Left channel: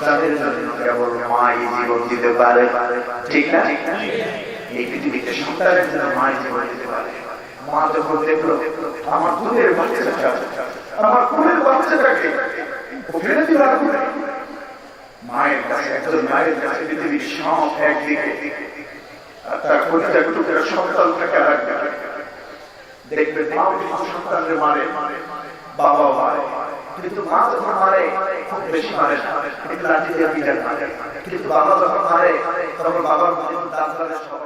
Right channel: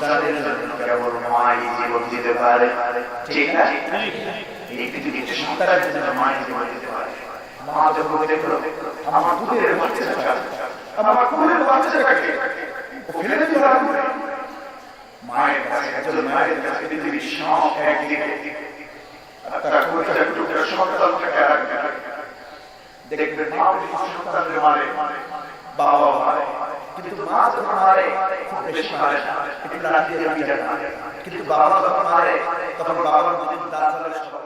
সন্তানের জন্য কেবল মাই জীবন দিতে পারে, ঠিক না? এই পৃথিবীতে সন্তানের জন্য মাই জীবন দিতে পারে। মা যখন দেখলো আমার দুধের বাচ্চাটা, আমার কোলের বাচ্চাটাকে ফেলে দিল, মায়ের কাছে একজন মায়ের কাছে পৃথিবীর সব একদিকে, তার কোলটা একটু করে সন্তানটাকে রাখবে, দেখবে মা সন্তানকে মারে, বাবা মারে, কিন্তু মা যখন মারে খুব বেশি মারে না, একটু লাঠি দিয়ে মারে, কিন্তু বাবা যখন মারে তখন বাবার মন দাঁত ধরে সব।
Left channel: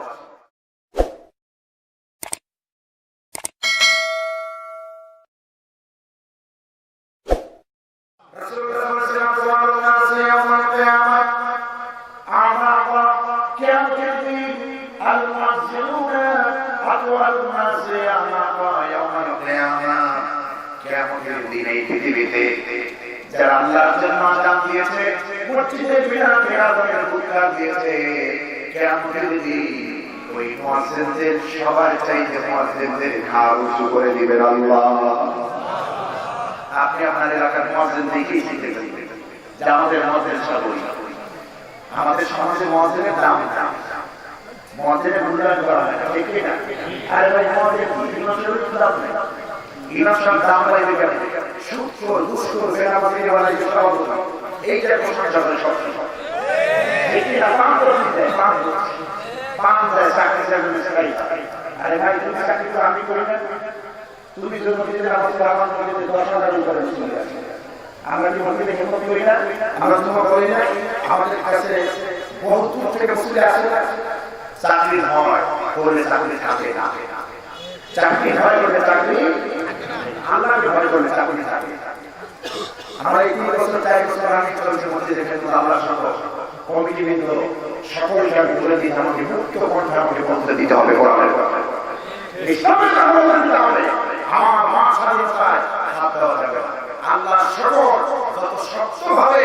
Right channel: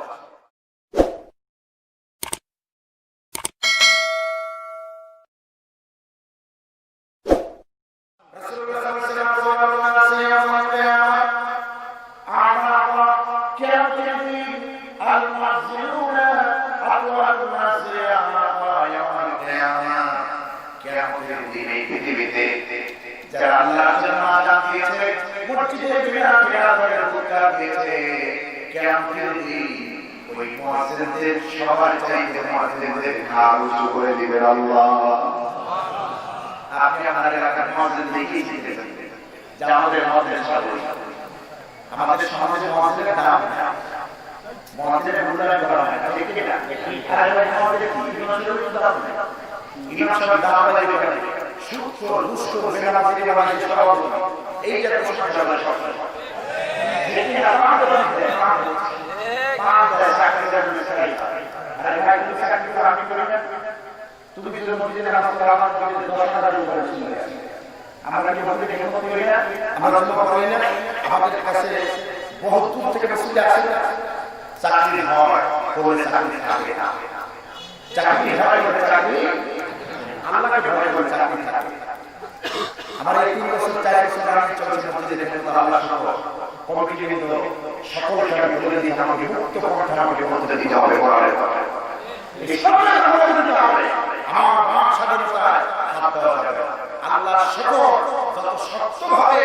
যারা আল্লাহর জন্য আযান দিয়েছে, মসজিদে হুক্কা দিয়েছে, কিয়ামতের দিন ওই মুয়াজ্জিনদের সবার চাইতে মুয়াজ্জিনদের ঘাড় উঁচু করে দিবেন আল্লাহ। আপনি আপনার এলাকার মুয়াজ্জিন দেখেই শিখতে চাইবেন যে আমাদের মাদ্রাসা বলি, আমাদের সমাজে মুয়াজ্জিনের দাম না, মুয়াজ্জিনের মূল্যায়ন করা হয় না, ঠিক না? আর ওই মুয়াজ্জিন কি ইমামের দাম না, ইমামের দাম বাড়বে কেন? সুখর দুষ্কর বেনামাজি বেনামাজি সব এইটা প্রশ্ন চলে সবসময়। এটি আমাদের বাংলাদেশ চাকরি জন্য চাই। আরে ভাই তুমি চাকরি তো আমি করি না, তুমি যদি মসজিদে নামাজ পড়ো আমার মসজিদে 10,000 করে চলে আসে। আমরা কি মসজিদে হিম্মত করি না? আমরা জমা করি না? আমাদের কাছে বহুত দূর থেকে মসজিদে আসে না, চাকরি হয় করে চাকরি থাকে না, চাকরি হয় করে চাকরি আল্লাহকে ভয় করে চাকরি থাকে। আমার এই 3 বছর 4 বছর আমি চলছে মসজিদে দেখেন আল্লাহ সহ কমিটি বৃন্দ সকল সব বলে দিতে আমাকে মুক্ত কণ্ঠে আমাকে বলতে দিতে হবে, ইসলামের আমল দিতে হবে, আমার বাক স্বাধীনতায় হাত দেওয়া যাবে। আল্লাহ সকল যত শক্তভাবে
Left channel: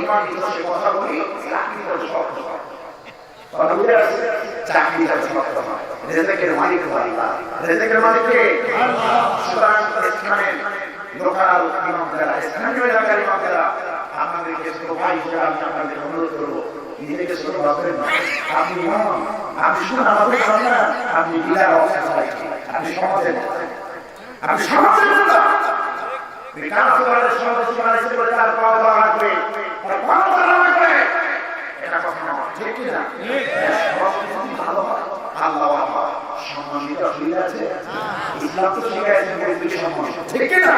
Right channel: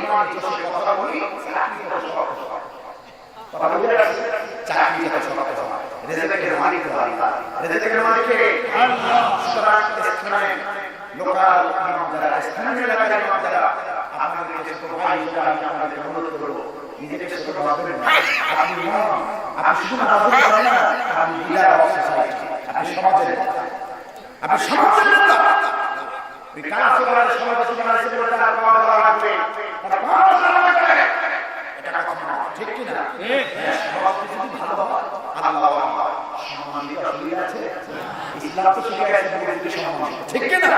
ইমান দোষে কথা বলি চাকরি করে শক্ত হয়, চাকরি করে শক্ত হয়। রেজেকের মালিক আল্লাহ, রেজেকের মালিক আল্লাহ। সুতরাং স্থানে লোকাল ইমাম যারা, স্থানীয় এলাকার ইমাম যারা, আপনাদেরকে ছোট ভাই হিসেবে আমি আপনাদের অনুরোধ করবো, নিজেকে ছোট ভাববেন না। আপনি ইমাম, আপনি শুধু নামাজ পড়েন না, আপনি বিদায় অবস্থায়, আপনি সমাজের, আপনি সমাজের নেতা। সমাজে বানাইছে বলে তার পাওয়া দেওয়া লাগবে, তার পাওয়া দেওয়া লাগবে, এটা কথা নয়, ঠিক কিনা? সমাজ যদি ভালো হয় আল্লাহ সম্মানিত আসলে আছে, ইসলাম তো শিখাইছে মৌলিক সম্মান, ঠিক কিনা?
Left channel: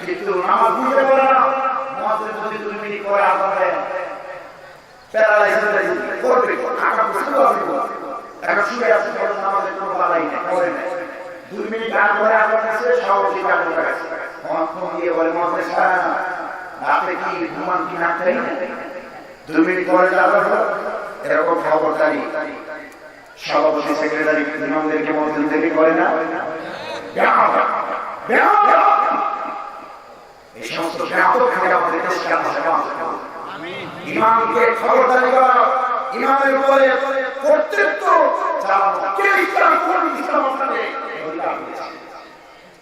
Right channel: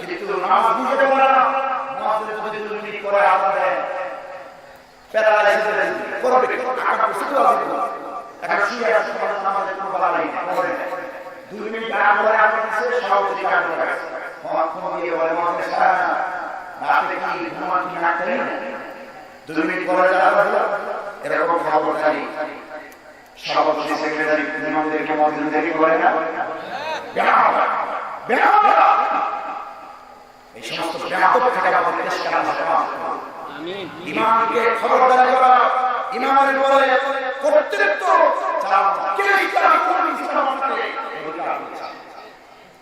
কিন্তু নামাজ বুঝে বলে না, নামাজের যদি দুর্নীতি করে আমাদের প্যারালাইসিস করবে, আকার শুরু হবে, এখন শুয়ে আছে নামাজের কোনো বালাই নেই, করে নেই, 2 মিনিট আগ করে আমার কাছে সব ঠিক আগ করে ফোন দিয়ে বলে মধ্যে সারা রাতে কি ঘুমান কি না খাই, 2 মিনিট পরে যাওয়া হলো, এরকম খবরদারি সভাপতি সেক্রেটারি ইমামদেরকে মসজিদ দেরি করে না, এই সমস্ত ব্যাপক থেকে আমাদের দেশকে ইমামকে খবরদারি করা, ইমামের উপরে কর্তৃত্ব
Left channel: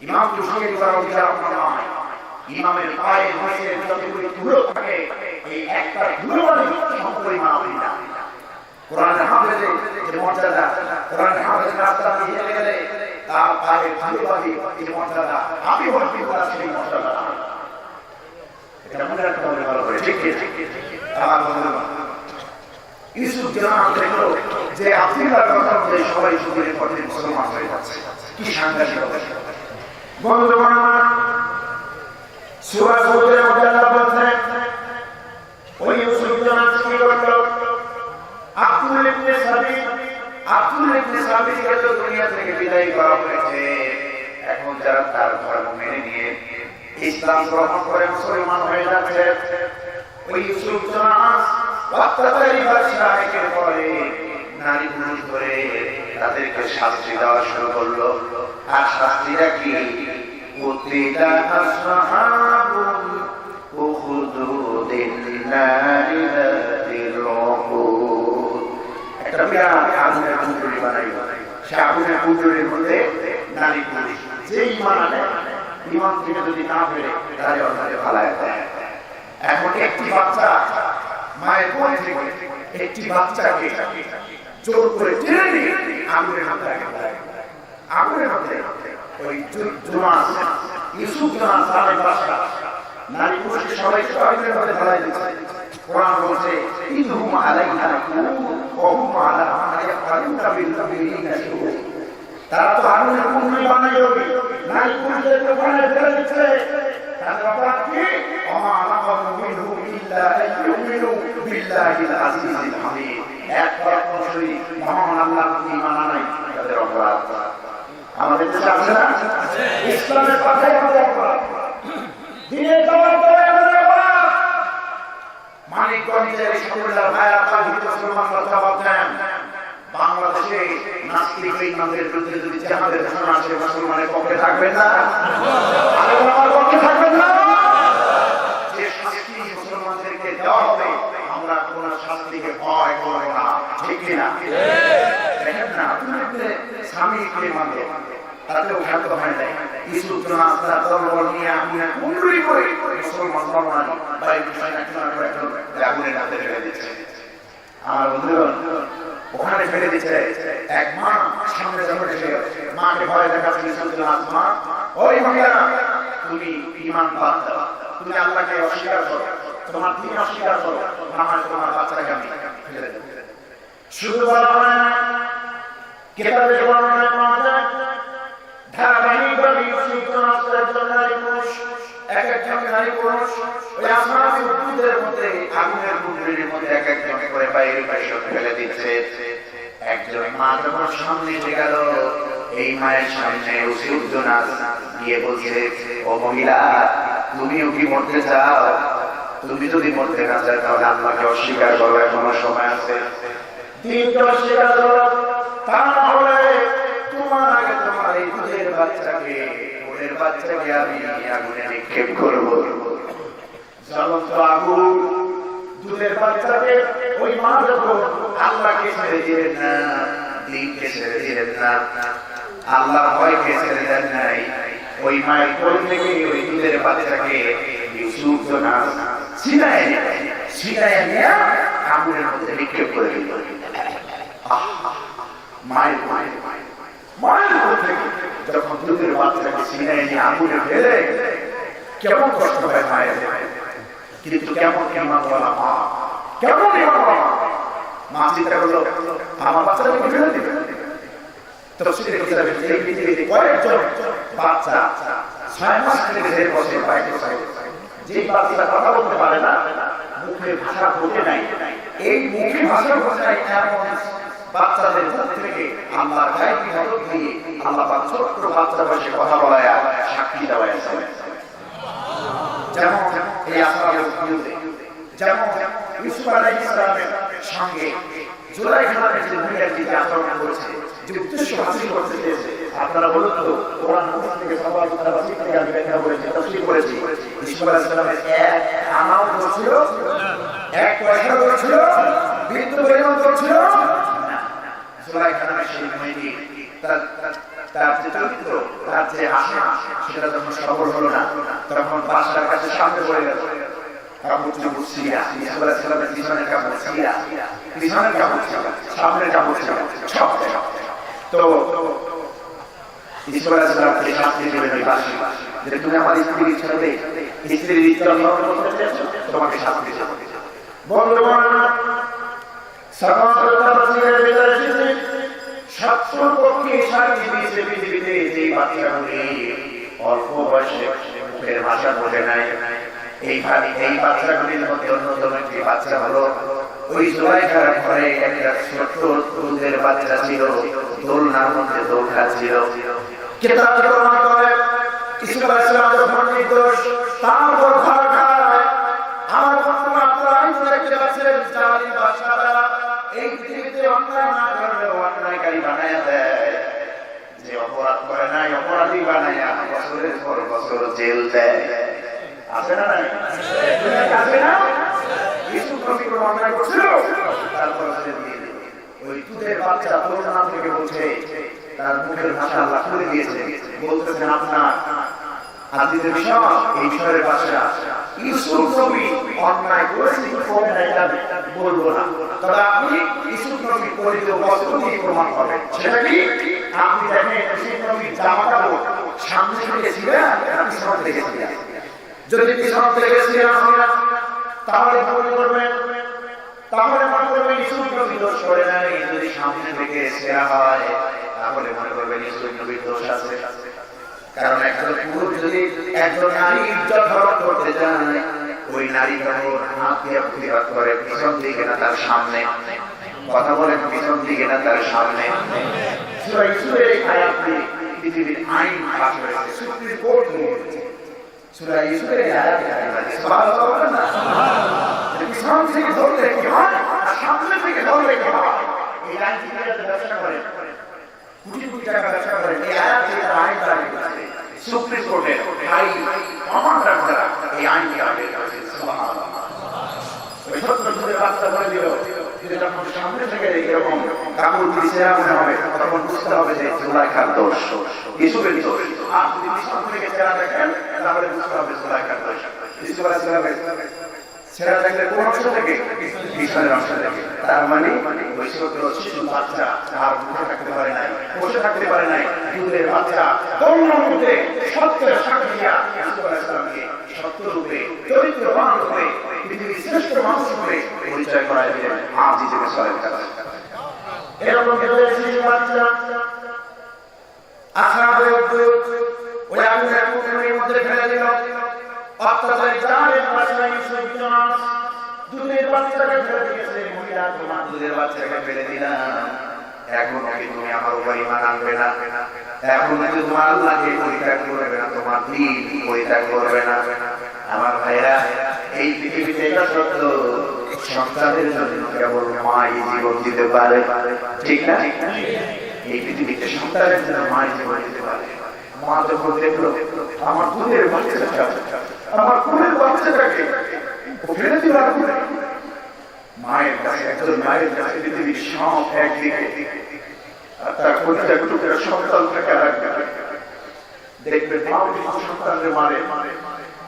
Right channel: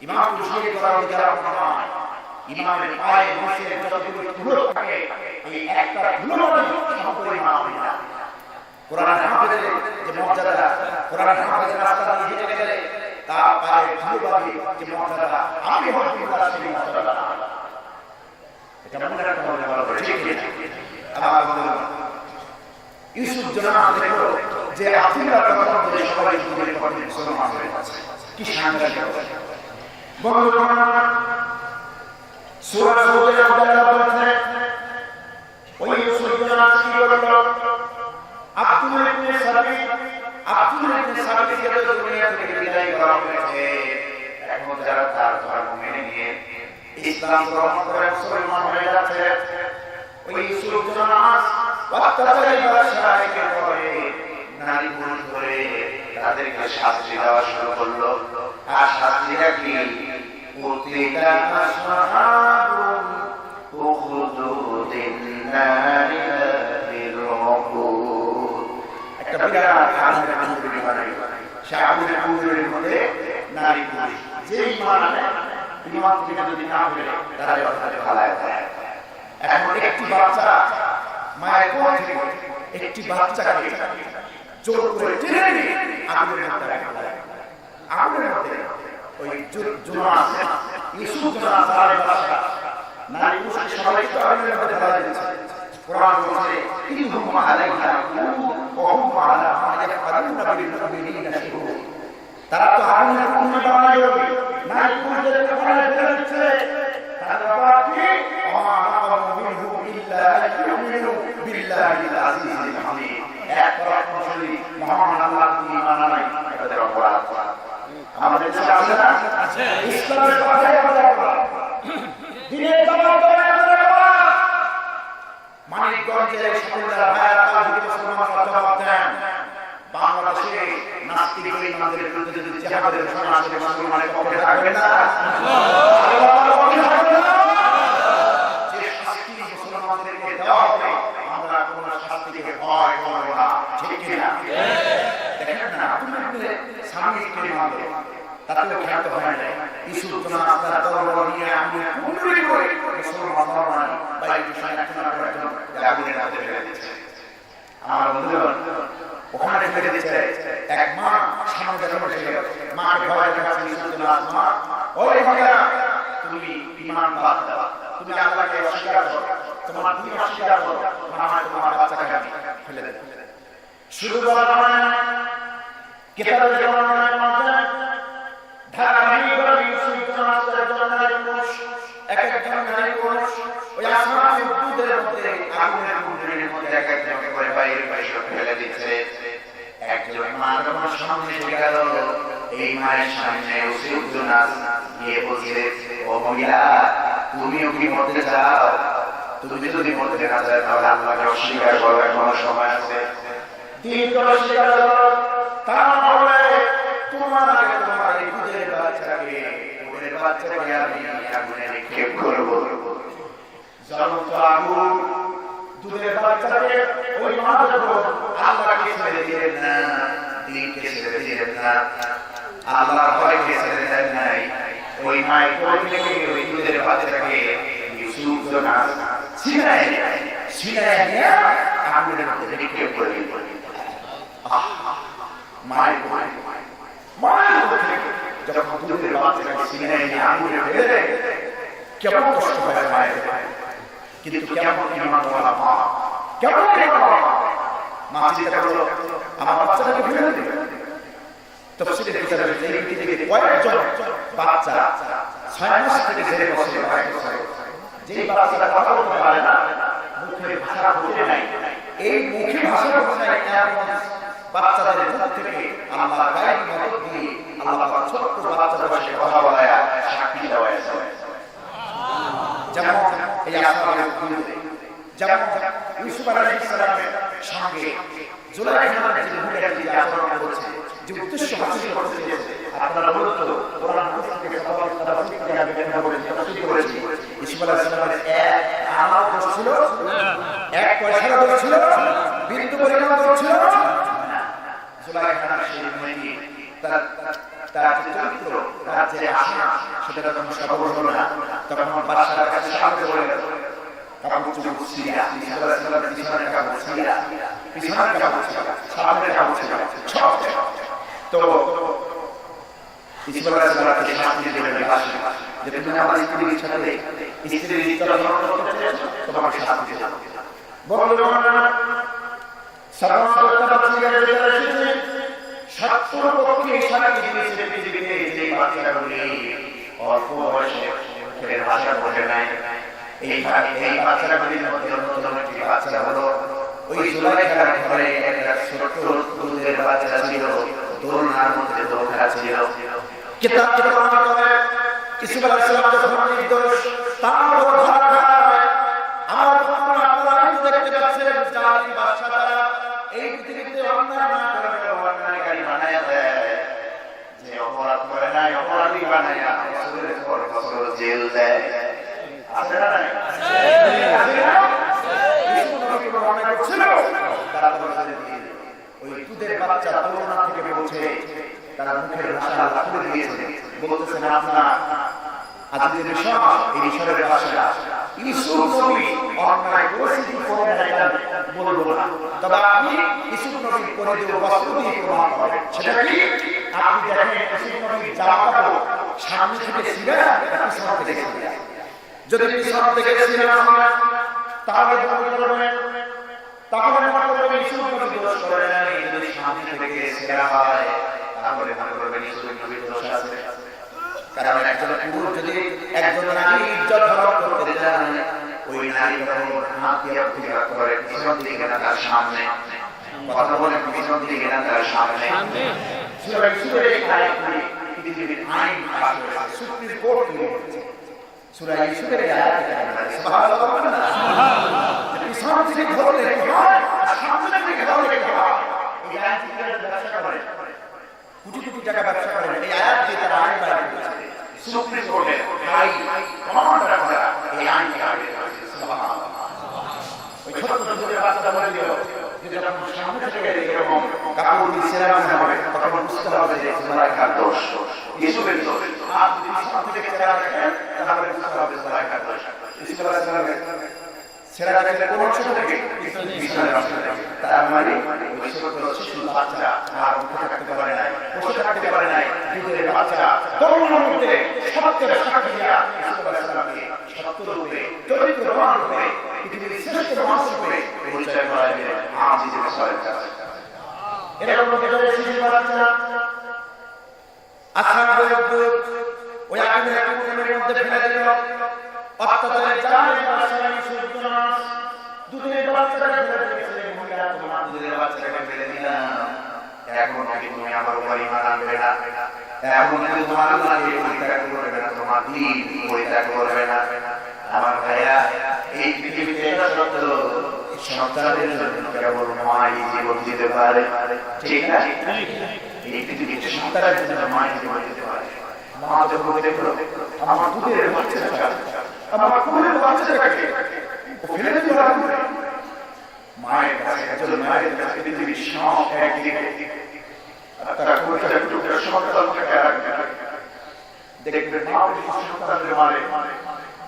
ইমাম শহীদ করা অধিকার আপনার নয়। ইমামের পায়ে বসে যতগুলো ধুলো থাকে এই একটা ধুলো সম্পূর্ণ ইমাম না। কোরআন হাফেজের যে মর্যাদা, কোরআন হাফেজ রাস্তা দিয়ে হেঁটে গেলে তার পায়ে ধুলো লাগে যে মর্যাদা, আমি হচ্ছি সেই মর্যাদা। এটা মনে রাখতে হবে, ভালো করে, ঠিক ইউসুফ জনাব দেখলো যে আফ্রিকার কথা বলে সবাই শুনে পড়তে মুসলমান হয়ে যাচ্ছে, কি সাংঘাতিক অবস্থা। বন্ধুগণ, সূরা হুদের মধ্যে আল্লাহ বলেছেন ওই ইউসুফ জনাব কি করলো, আব্দুল ইবনে সাবিতকে দুনিয়া থেকে বিদায় করা হয়েছে। এখন যারা তার ধর্ম মেনে নিয়ে ইসলাম গ্রহণ করে মুসলমান হয়ে যাচ্ছে, ওই ইউসুফ জনাব অত্যাচারী বাদশাহকে পরে নারী পুরুষ ধরে তাদেরকে শাস্তি দেওয়া শুরু করলো। আর শাস্তিটা কি? উতিলা আসহাবুল উখদুদিন নারি যাতির উকুদ। একটা বিরাট আগুনের কুণ্ডলী বানাই, সে আগুনের কুণ্ডলীর মধ্যে নারী পুরুষ যেই মানে ইমান থেকে যদি না ফেরে তাহলে ওখানে ফালায় দেয়। এখন একটি বাচ্চা মায়ের কোল থেকে একটি বাচ্চাকে জোর করে টেনে নিয়ে আগুনের মধ্যে রাখা হয়। আগুনের মধ্যে ওই জোনাস ইউসুফ জোনাস তার বাচ্চা নারী পুরুষ সবাইকে আগুনের মধ্যে ধরা দিয়েছে। কোরআন বলছে ইনহুম আলাইহা ওয়া হুম আলা মা ইয়াফআলুনা বিল মুমিনিনা শুহুদ। তারা তো আগুনের কুণ্ডলি বানায় নারী পুরুষদেরকে বানায় ফেলে দিচ্ছে। তার অপরাধ কি? ওমা নাকামু মিনহুম ইল্লা আইয়ুমিনু বিল্লাহিল আজিজিল হামিদ। এক পরাক্রমশালী মহান আল্লাহর প্রতি ঈমান আনাই তাদের অপরাধ। আমাদের দেশে আছে না? ইসলামের পথে আমাদের অপরাধ, দিনের দাওয়াত দেওয়ায় আমাদের অপরাধ। মানিকগঞ্জের সকলরা ভাইয়া তাওহীদ মুসলমানরা জবাব দেন, বাংলাদেশে নাস্তিক বেঈমানদের বিরুদ্ধে যদি জিহাদের ঘোষণা আসে মুসলমানের পক্ষে থাকবে না, আল্লাহর পক্ষে থাকবে না। যে শাস্তি মুসলমানদেরকে দেওয়া হবে আমরা কোন শাস্তিকে ভয় করব না, ঠিক কি না? দেখেন না আপনি স্বামীকে মানবে তাতেও খ্যাত হয় না। ইউসুফ জোনাস তার দরবার নিয়ে আপনি কুণ্ডলি করে মুসলমান নয় বাইরে বিষয় একটা একজন আগুনের মধ্যে ফেলে দিচ্ছে। আমার বন্ধুগণ ওখানে ফেলে দিচ্ছে। এক মা সামনে যখন এসে মাকে ভয় দেখাচ্ছে ইউসুফ জোনাস, মা ওই মহিলা তুমি ঈমান বাদ দাও, তুমি আল্লাহকে অস্বীকার করো, তোমার দিন অস্বীকার করো, না তোমার বাচ্চাকে আমি ফেলে দেব। শুধু বলা না, কিতাবের বর্ণনায় পাওয়া যায় ধারাবাহিকভাবে ইউসুফ জোনাসের একজন নারী পুরুষ এক একজন নারী পুরুষ ওই আসমানের দুধের মধ্যে আগুনের কুণ্ডলীর মধ্যে এক একজনকে করে বাইরে বাইরে ফেলে দিচ্ছে। একজন মা যখন সামনে এসে গেল, এই মায়ের সামনে ইউসুফ জোনাস গিয়ে বলছে, ও মহিলা তুমিও কি মরতে চাও? তুমি যদি মরতে না চাও তাহলে আল্লাহকে অস্বীকার করো, এখনো সময় আছে। দিনকে অস্বীকার করো, তাহলে তোমার আগে তোমার এই দুধের বাচ্চাকে আমি আগুনে নিক্ষেপ করব। জ্বলন্ত আগুন দুধের বাচ্চাকে ওই মা যখন আল্লাহকে ছেড়ে দিলেন না, দিনকে ছেড়ে দিলেন না, আল্লাহ ভয়কে ছেড়ে দেন নাই, ওই মায়ের কোল থেকে ওই দুধের বাচ্চাকে ইউসুফ জোনাস ছিনায় নিয়ে আগুনের মধ্যে নিক্ষেপ করে দিল। মায়ের যখন দুধের বাচ্চাকে ছিনায় নিয়ে আগুনে ফেলে কেমন কষ্ট হয় মায়ের, কিন্তু কেমন ঈমান ওয়ালা মা, কেমন ঈমান ওয়ালা মা চিন্তা করলো আমার বাচ্চাকে ফেলে দিবে। তাফসীরে কিতাবে এই পৃথিবীতে কয়েকজন বাচ্চা 6 মাস থেকে জেলে বসে যেই বাচ্চা কথা বলতে পারে না, মুখের ভাষা বোঝে নাই, এই মুখে ভাষা বোঝে নাই এমন বাচ্চাদের মুখ থেকে আল্লাহ গায়েব মদত দিয়ে আল্লাহ ছোট্ট বাচ্চা বসে কথা বলায় সাক্ষী দেওয়া। যেমন এই আসমানের বিরুদ্ধে, যেমন ইউসুফ আলাইহিস সালামের সঙ্গে জুলাইখা নামের যে মহিলাটি যে আচরণ করেছে, যে উদ্দেশ্য হাসিল করতে চেয়েছে, আপনারা বলুন তো কোরআন থেকে সবাই তারা ঠিক করে ব্যাখ্যা করেছে, তফসীর করেছে। ইউসুফ আলাইহিস সালামের এক আনাও দোষ ছিল, এক পয়সার দোষ ছিল, বিন্দু পরিমাণ দোষ ছিল। জুলাইখা নামের সেই মেয়েটি তার যে চরিত্র, তার যে আশা, সেটা যখন সফল হলো না, তখন বাদশার কাছে সামনে বলে গেল কাপড় চুপড় ছিঁড়া, ইউসুফ আলাইহিস সালামের পিছনের কাপড় ছিঁড়া, পিছনের কাপড় ছিঁড়া, সামনের কাপড় ছিঁড়া, সব। তো ইউসুফ আলাইহিস সালামকে শাস্তি দিলেন বাদশা, যে তুমি আমার স্ত্রীর সাথে স্ত্রীর ইচ্ছা লঙ্ঘন করতে চেয়েছো, তোমাকে শাস্তি দেব। বন্ধুগণ, সাধারণত তাফসীরের ভিতরে এসেছে 70 পক্ষে সাক্ষী দিয়েছে পৃথিবীতে যে বাচ্চাগুলি অল্প বয়সে মুখের ভাষা বোঝে নাই। এই বাচ্চাগুলির মধ্যে অন্যতম একটি বাচ্চা হলো ওই জুলাইখার ঘরে একটা ছোট্ট দুধের বাচ্চা ছিল, দোলনার মধ্যে দোলনা ছিল। কিতাব প্রমাণ করে ইউসুফ আলাইহিস সালাম যখন নির্দোষ, তার উপর ধরা খায়। আর আপনারা দেখতে পাচ্ছেন জালিম বাদশারা এই পৃথিবীতে অন্যায় না করে অন্যায়কারী বানায় দেয়, যে অপরাধ করে নাই অপরাধী বানায় বছরের পর বছর জেল দেয়। আছে না? আছে না? ইউসুফ নবী অন্যায় করছিল, তারপর ওই দুধের বাচ্চা দোলনা থেকে বলছে, তার মুখের ভাষা আল্লাহ খুলে দিয়েছে, বলতেছেন আপনার আজিজের মিশর, এই মিশরের বাদশা ইউসুফ নবী অন্যায় করেছি কি করে না এটা বলবো না, তবে আপনি ইউসুফ নবীর পরিচিত বস্ত্র দিয়ে প্রমাণ করেন। সেটা কি? আপনি দেখেন ইউসুফ নবীর জামাটাও সামনে থেকে ছিঁড়া পিছন থেকে ছিঁড়া, যদি পিছন থেকে ছিঁড়া তাহলে মনে করবেন ইউসুফ নবী দোষ করে নাই, যদি সামনে থেকে ছিঁড়া হয় তাহলে মনে করবেন ইউসুফ নবীর দোষ আছে। কারণ একজন পুরুষ যদি একজন নারী ইজ্জত হরণ করতে চায়, ওই নারী যখন হাত দিয়ে প্রতিবাদ করে পিছন দিকে না তার সামনে, কথা বলেন পিছন দিকে না তার সামনে। সূরা ইউসুফের এই আয়াতটি পৃথিবীর আইন পাস হয়েছে, সুপ্রিম কোর্ট নিয়েছে। সূরা ইউসুফের এই আয়াতটি সুবহানাল্লাহ বলেন না, পিছন থেকে ধরলে কি হয় আর সামনে থেকে ধরলে কি হয়। এই আইন থেকে ব্যবসা করে কোটি কোটি টাকা ব্যবসা করে, এই আয়াত দিয়ে তারা আইন দাঁড় করেছে। সুপ্রিম কোর্টের হাই কমান্ডার করা এই আইনকে আগে করেছে। সুবহানাল্লাহ। ওই ছোট্ট ছোট বাচ্চা বলে দিল যে যখন সামনে থেকে এরকম কাপড় দিয়ে ছেড়া মনে হবে তখন বুঝতে হবে যে সুলাইখার দোষ, ইউসুফের দোষ। আর যদি পিছন থেকে ছেড়া দেখেন তাহলে বুঝতে হবে সুলাইখার দোষ। ইউসুফ আলাইহিস সালামের ছেড়া দেখলে কোন অংশ থেকে? পিছনের অংশ থেকে। তার মানে ওই ছোট শিশু বাচ্চা আর মুখে থাকতে পারে নাই, বসে থাকতে পারে নাই, দুধের বাচ্চা করুণার মধ্যে সত্যের সাক্ষী দিয়া ইউসুফ আলাইহিস সালামকে সত্য রূপে চরিত্রবান রূপে পৃথিবীর শ্রেষ্ঠ মানুষ রূপে পরিচয় করায় দিলেন আজিজ মিসর। এরকম কেবল শিশু বাচ্চা আসহাবে উখদুদ ওই আগুনের কুণ্ডের মধ্যে ফেলে দিল। অত্যাচারে জালেম বাদশা ইউসুফ দুধের বাচ্চাকে ফেলে দিয়েছে। মহিলা, তোমার দুধের বাচ্চাকে ফেলে দিলাম, এখন নাকি তুমি আমার উপর ঈমান আনবে না, এখন নাকি তোমার আল্লাহকে পরিত্যাগ করবে না, তোমার দ্বীন পরিত্যাগ করবে না। আমার ভাইরা, এই পৃথিবীতে এটা সত্য, সন্তানের জন্য কেবল মাই জীবন দিতে পারে, ঠিক না? এই পৃথিবীতে সন্তানের জন্য মাই জীবন দিতে পারে। মা যখন দেখলো আমার দুধের বাচ্চাটা, আমার দুধের বাচ্চাটাকে ফেলে দিল আগুনে, মায়ের কাছে একজন মায়ের কাছে পৃথিবীর সব একদিকে আর তার কলিজা টুকরা সন্তানটাকে আরেকদিকে। দেখবেন মা সন্তানকে মারে,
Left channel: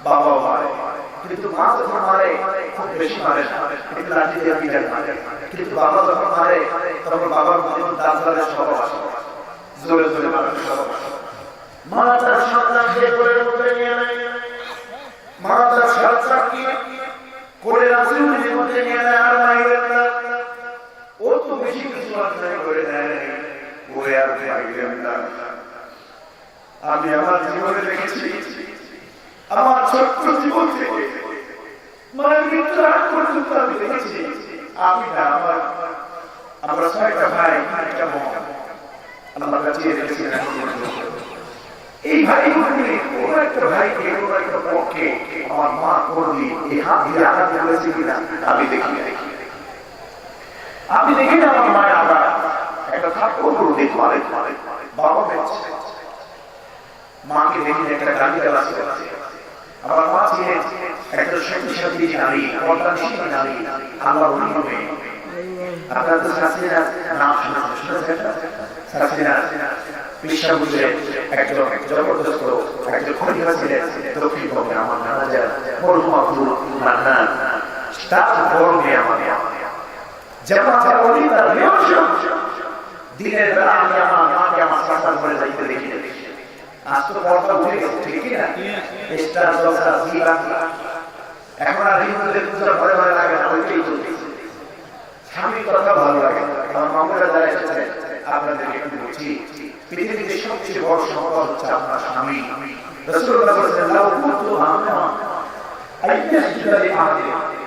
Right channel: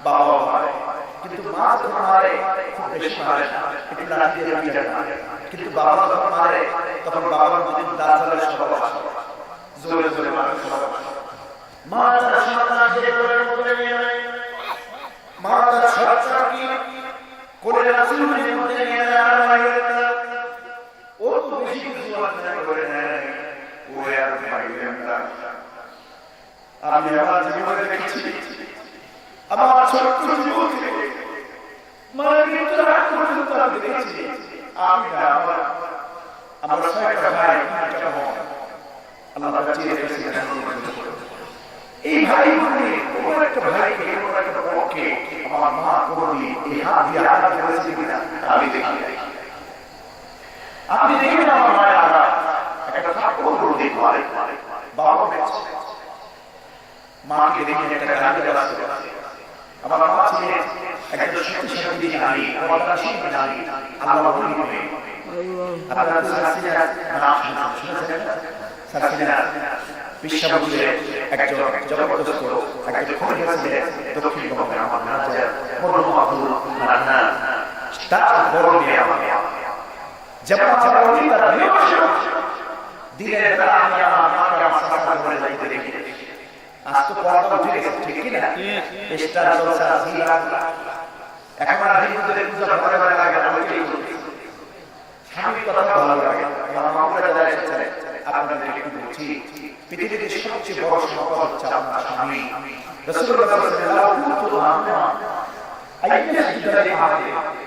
বাবা মারে, কিন্তু মা যখন মারে খুব বেশি মারে না, একটু লাঠি দিয়ে পিটায় মারে। কিন্তু বাবা যখন মারে তখন বাবার মধ্যে দাঁত ধরে সব আসে, জোরে জোরে মারে সব। মা তার সন্তানকে কোলের মধ্যে নিয়ে নেয়, মা তার সন্তানকে কোলের আঁচলের মধ্যে নিয়ে নেয়। ও তো বেশি কিছু অন্যায় করে নেয়, ও আর ভাবলেন না। আমি আমার জীবনে দেখেছি, আমার ছোট্ট জীবন থেকে মায়ের মৃত্যুর আগ পর্যন্ত আমি দেখেছি। আমি না, আমার ছয়টা ভাই, আল্লাহ বাঁচিয়ে রেখেছি। এই ভাই কোনো একটা ভাইকে কোনো একটা পক্ষে আমার মা কোনদিন এই হাত দিয়ে আঘাত করেছে কিনা আমি দেখি। আপনি দেখেন আমার মায়ের আঘাত একটা থাপ্পড় দিক মারে, বাবা বেঁচে, মাকে দেখে একটা গাড়ি চালাচ্ছে। আমার মা ছিলেন একটা শক্তিশালী নারী, পর্দাশীল নারী, আল্লাহর ওলি। আপনারা তো সাসিনা নাম শুনেছেন? সাসিনা বিশ্ববিদ্যালয়ের একজন জবরদস্ত একজন খলিফা ছিলেন দক্ষিণবঙ্গে। আমার রাজা মরহুম আব্দুল মান্নান, তার বড় মেয়ে আমার যেমন তার দিনের বেলা আমি আমার মাকে আমার সাথে করে যাইতে দেখি। আজ তো পর্দা উঠে গেছে, ঠিক কিনা? স্টার জলসা জিরা এখন আর হিন্দুদের পূজা ঘরে ঘরে লাগে না, ওইটাই চলছে। স্বামীর কথা ভালো লাগে। আমার মামুরা যারা এসেছে আপনাদের একটু বলছি, পৃথিবীতে সবচেয়ে বড় সম্পদ হচ্ছে আপনার স্বামী। রাসূলুল্লাহ সাল্লাল্লাহু আলাইহি ওয়াসাল্লাম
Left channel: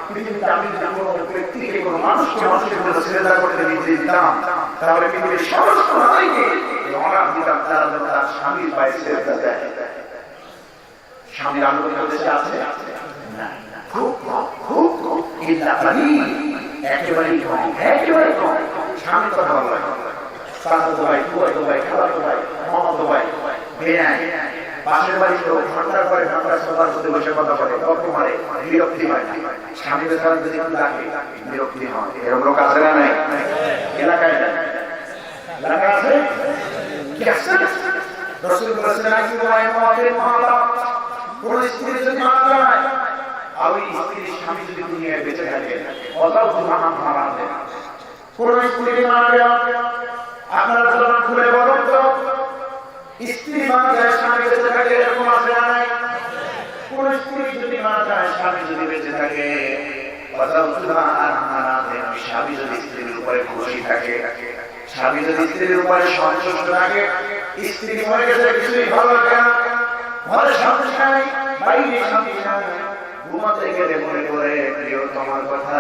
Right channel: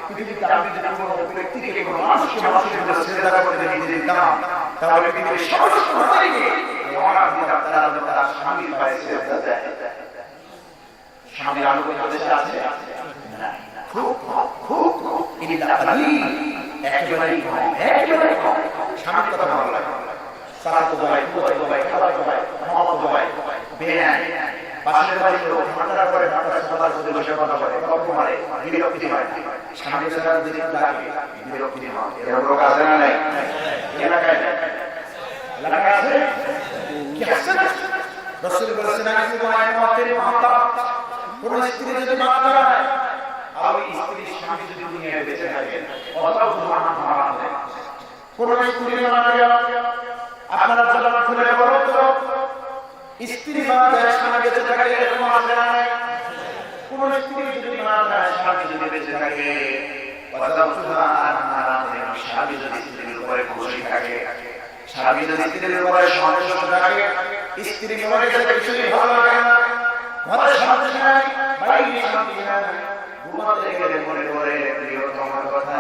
পৃথিবীতে আমি যদি কোনো ব্যক্তিকে কোনো মানুষকে মানুষের জন্য শ্রদ্ধা করতে দিতাম তাহলে পৃথিবীর সমস্ত নারীকে তার স্বামী পায়ে শ্রদ্ধা দেয়। স্বামী আলোকে দেশে আছে না, খুব খুব একেবারেই কম, একেবারেই কম। স্বামীর কথা ভালো লাগে, চাচাতো ভাই, ফুফাতো ভাই, খালাতো ভাই, মামাতো ভাই, বেনাই, পাশের বাড়ির লোক ঠান্ডার পরে ঠান্ডার সবার সাথে বসে কথা বলে, তর্ক মারে, বিরক্তি হয় না। স্বামীর সাথে যদি ডাকে বিরক্তি হয়। এরকম লোক আছে না? নাই এলাকায় এলাকায় আছে কি আছে? রাসূল বলেছেন, কোন স্ত্রী যদি মারা যায় আর ওই স্ত্রীর স্বামী যদি দুনিয়ায় বেঁচে থাকে অতাও জুহান হারাম দেয়। কোন স্ত্রী মারা গেল, আপনারা জবান খুলে বলেন তো, স্ত্রী মারা যায় স্বামী বেঁচে থাকে এরকম আছে না? কোন স্ত্রী যদি মারা যায় স্বামী যদি বেঁচে থাকে অতাও জুহান হারাম দেয়। স্বামী যদি স্ত্রীর উপরে খুশি থাকে, স্বামী যদি স্ত্রীর উপরে সন্তুষ্ট থাকে, স্ত্রী মরে গেছে কিছুই ভালো লাগে না, ঘরে শান্তি নাই, বাইরে শান্তি নাই, ঘুমাতে গেলে মনে করে প্রিয়তমার কথা,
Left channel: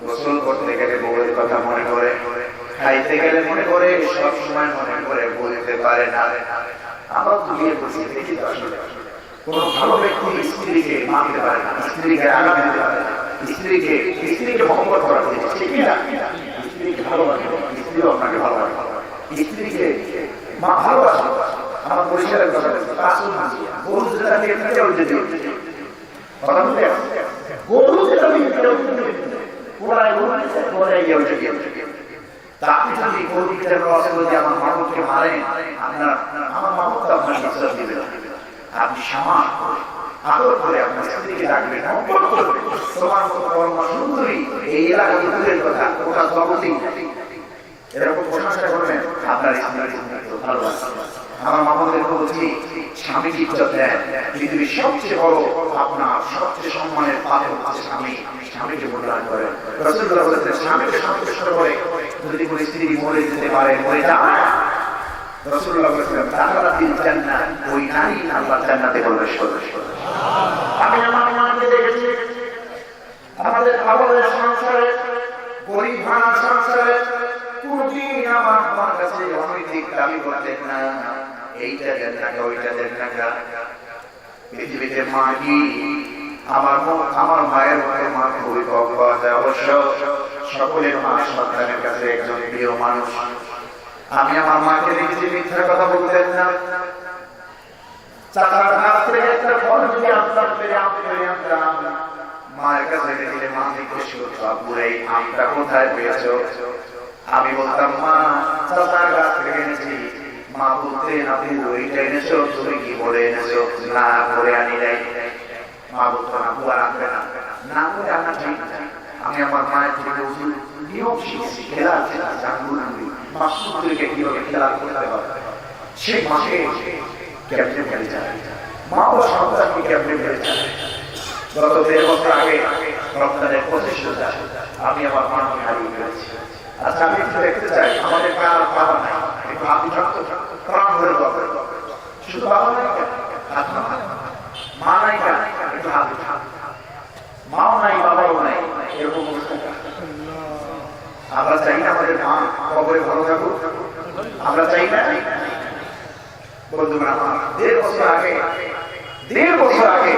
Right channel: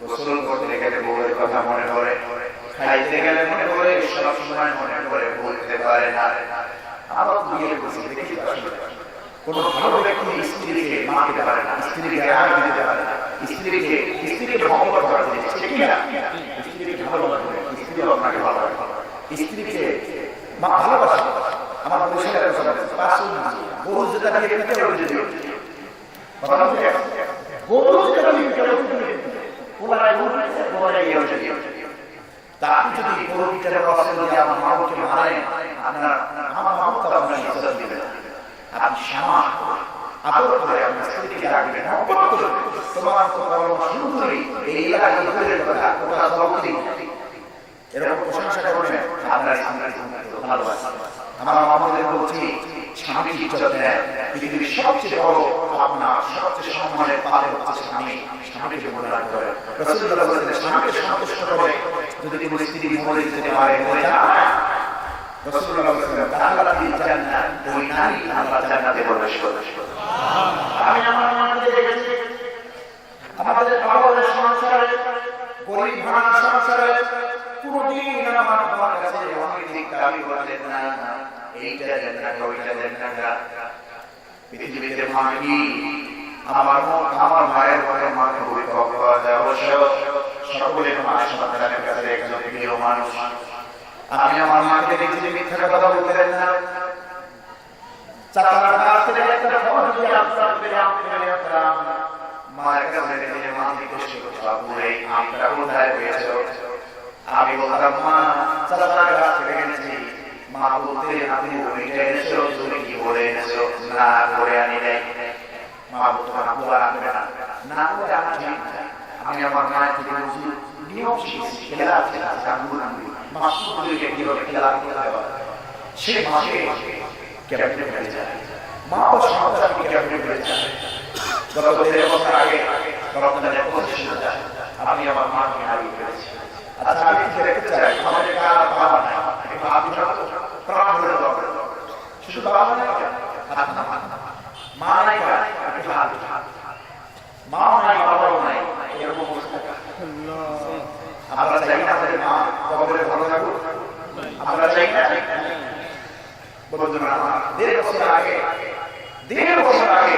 গোসল করতে গেলে বউয়ের কথা মনে করে, খাইতে গেলে মনে করে, সব সময় মনে করে, বলতে পারে না। আবার বিয়ে করছে দেখি কোন ভালো ব্যক্তি স্ত্রীকে মানতে পারে না, স্ত্রীকে আগে দিতে পারে না, স্ত্রীকে মহব্বত করা যায়, ঠিক না? স্ত্রীকে ভালোবাসে, স্ত্রী আপনাকে ভালোবাসে, স্ত্রীকে মা ভালোবাসে। আমার পরিষ্কার গরু যেটা দিয়ে গরু যেটা আপনি যদি গরু পিঠের রসে বলে আমার মাকে মারেন, আপনার আমার মাকে তো আপনার বিশ্বাস দিবে না। আপনি সামাস করে আদর করে আপনার স্ত্রীকে রাখবেন, তোমার মতো কর্ম সুন্দরী এই এলাকায় কথা ওটা সর্বদিন এরকম প্রশংসা করবেন আপনার স্ত্রীর ভালোবাসা। আমার আমাদের বলছি স্বামী ইজ্জত দেন, পৃথিবীর সবচেয়ে বড় আপনার সবচেয়ে সম্মানের পাত্র হচ্ছে স্বামী। স্বামীকে মূল্যায়ন করেন। রাসূলুল্লাহ বলেছেন স্বামীকে সন্তুষ্ট করে যদি কোনো স্ত্রী মরে যেতে পারে, মরে যায়, রাসূলুল্লাহ বলেছেন দাখালাতিল জান্নাহ, ওই নারী আল্লাহর জান্নাতে প্রবেশ করবে। আমি আমার মাকে দেখেছি আমাদের আবাদের সংসারে, গরিব ভাঙা সংসারে কোনদিন আমার মার কাছে অনেক দাবি করতেন না, এইটা দেন না, ওইটা দেন না। পৃথিবীতে মা কি আমার মায়ের ঘরে মা খুবই কম পাওয়া যায়। অবশ্য সকলের মা সন্তানের কাছে একজন প্রিয় মানুষ। আমি আমার মাকে দেখছি মিথ্যা কথা বলতেন না। চাচার কাছ থেকে একটা ফল যদি আনতাম, মায়ের কাছে গেলে মা জিজ্ঞেস করতো আপু এই আমটা কোথায় পেয়েছো? আমি বলতাম মা চাচার কাছ থেকে এনেছি। মা বলতে আপনি ওইটা এনেছো, তুমি কি করে এনেছো? না করে আনি নাই। মা বলতো আপু আনবে না, না করে আনা ঠিক না। আমি আমার মায়ের থেকে বলছি নিয়ম শিখছি, খেলা আছে মাসুদকে কিভাবে খেলা করতে হয়, সে মাকে ক্যাপ্টেন হয়ে যায়। মা ও সন্তানকে ক্যাপ্টেন হয়ে যায়। গত 1.5 বছর আগে রমজানের 25 রোজা আমি আমার মাকে হারিয়ে ফেলেছি। আচ্ছা আমি একটু দেখতে চাই আমাদের কার বাবা নাই, একটু আপনি প্রাণ ধরে দরকার, শুধু বাবা নাই, মা নাই, মা নাই, বাবাও নাই, এরকম আমরা চাই না আমাদের মা কবরে ভালো থাকুক? আমরা চাই না? বন্ধুরা আমার 1.5 বছর আগে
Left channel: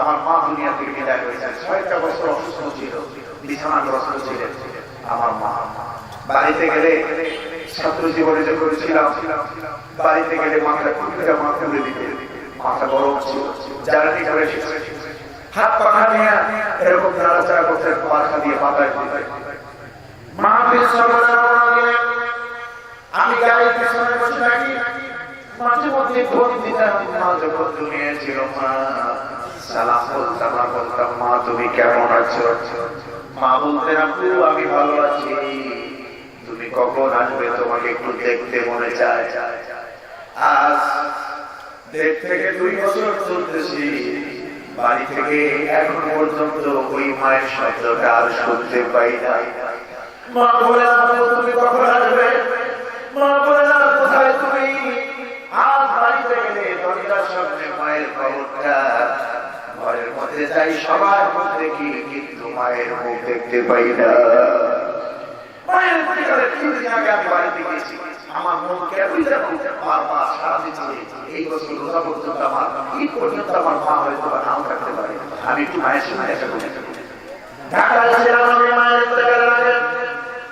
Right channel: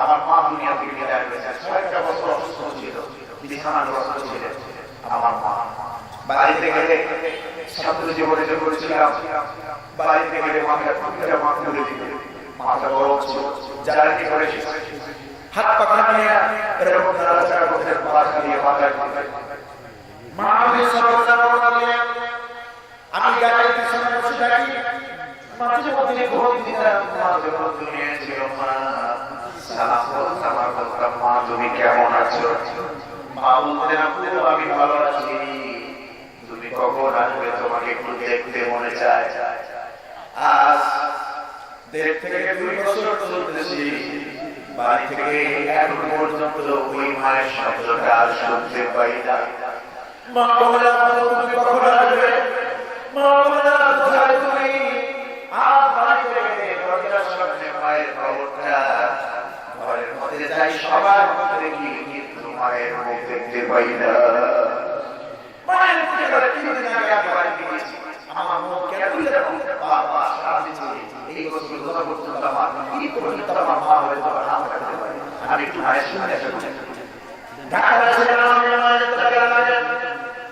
আমার মা দুনিয়া থেকে বিদায় করেছেন। 6টা বছর অসুস্থ ছিল, বিছানাগ্রস্ত ছিলেন আমার মা। বাড়িতে গেলে ছাত্র জীবনে যে করেছিলাম, বাড়িতে গেলে মাথা তুলে দিতে, মাথা গরম ছিল, জ্বালানি করে হাত পাখা নিয়ে এরকম নাড়াচাড়া করতে, পাখা দিয়ে মাথায় আমি গাড়ির পিছনে বসে থাকি, মাঝে মধ্যে ভোট দিতাম, মাঝে মধ্যে ছিল মা সালাম বলতাম মা তুমি কেমন আছো? মা বলতেন আপু আমি ভালো আছি, তুমি কখন আসবে, তোমাকে একটু দেখতে মনে চায়। আজ 1.5 থেকে 2 বছর চলতেছি, বাড়ি থেকে এখন পর্যন্ত ওই মায়ের শব্দটা আর শুনতে পাই না। মা বলে তুমি কখন আসবে? মা বলে কোথায় তুমি? আজ বাড়িতে গেলে দরজার সামনে মায়ের খবরটা, ঘরের মধ্যে যাই সবার মধ্যে কি, কিন্তু মায়ের মুখ দেখতে পাই না। মায়ের মুখে কিছুদিন আগে আমি বাড়িতে গেছি, আমার মন কেমন যেন বাবা সাথে এই বছর রোজা পর্যন্ত আমার কি পর্যন্ত আমার মা হয়তো নাম রাখতে পারে। আমি একটু মায়ের সঙ্গে ঢাকা ছিলাম, আমি মায়ের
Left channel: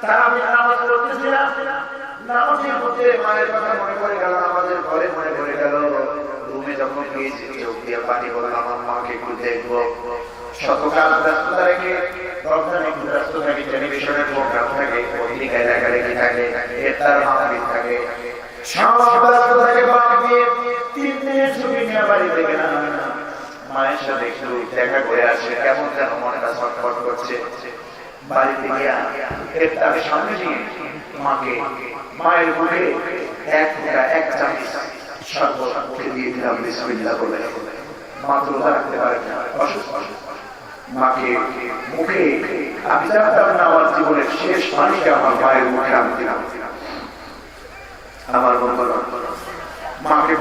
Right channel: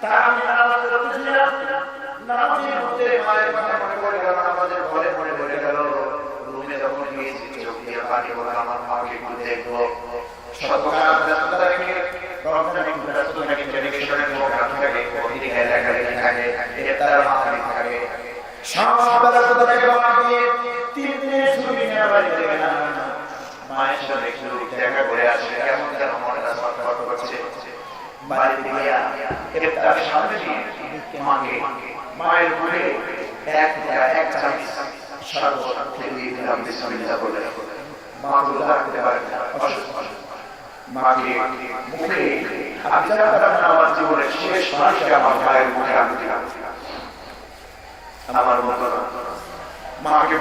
তা আমি নামাজ পড়তেছিলাম, নামাজের মধ্যে মায়ের কথা মনে পড়ে গেল, আমাদের ঘরে মনে পড়ে গেল। রুমে যখন গিয়েছি চোখ দিয়ে পানি বলে আমার মাকে একটু দেখবো। শতকাল ব্যস্ততা রেখে রমজান একটু ব্যস্ততা রেখে টেলিভিশনের প্রোগ্রাম থাকে, পত্রিকা লেখালেখি থাকে, এফতার মাহফিল থাকে, সব ব্যস্ততা রেখে বাদ দিয়ে 3 দিনের ছুটি নিয়ে বাড়িতে গেলাম। মায়ের সাথে একটু দেখা বাড়িতে গিয়া ইফতার সামনে নিয়ে মাকে মায়ের মুখে এক চামচ শরবত মুখে দিয়ে দিলাম বিসমিল্লাহ বলে। মা তো লাগতে পারে না, অসুস্থ। মাকে মুখে আমি জানতাম না আমার জীবনের শেষ পানিটা আমার মায়ের মুখে আমি দিলাম। আমার মাকে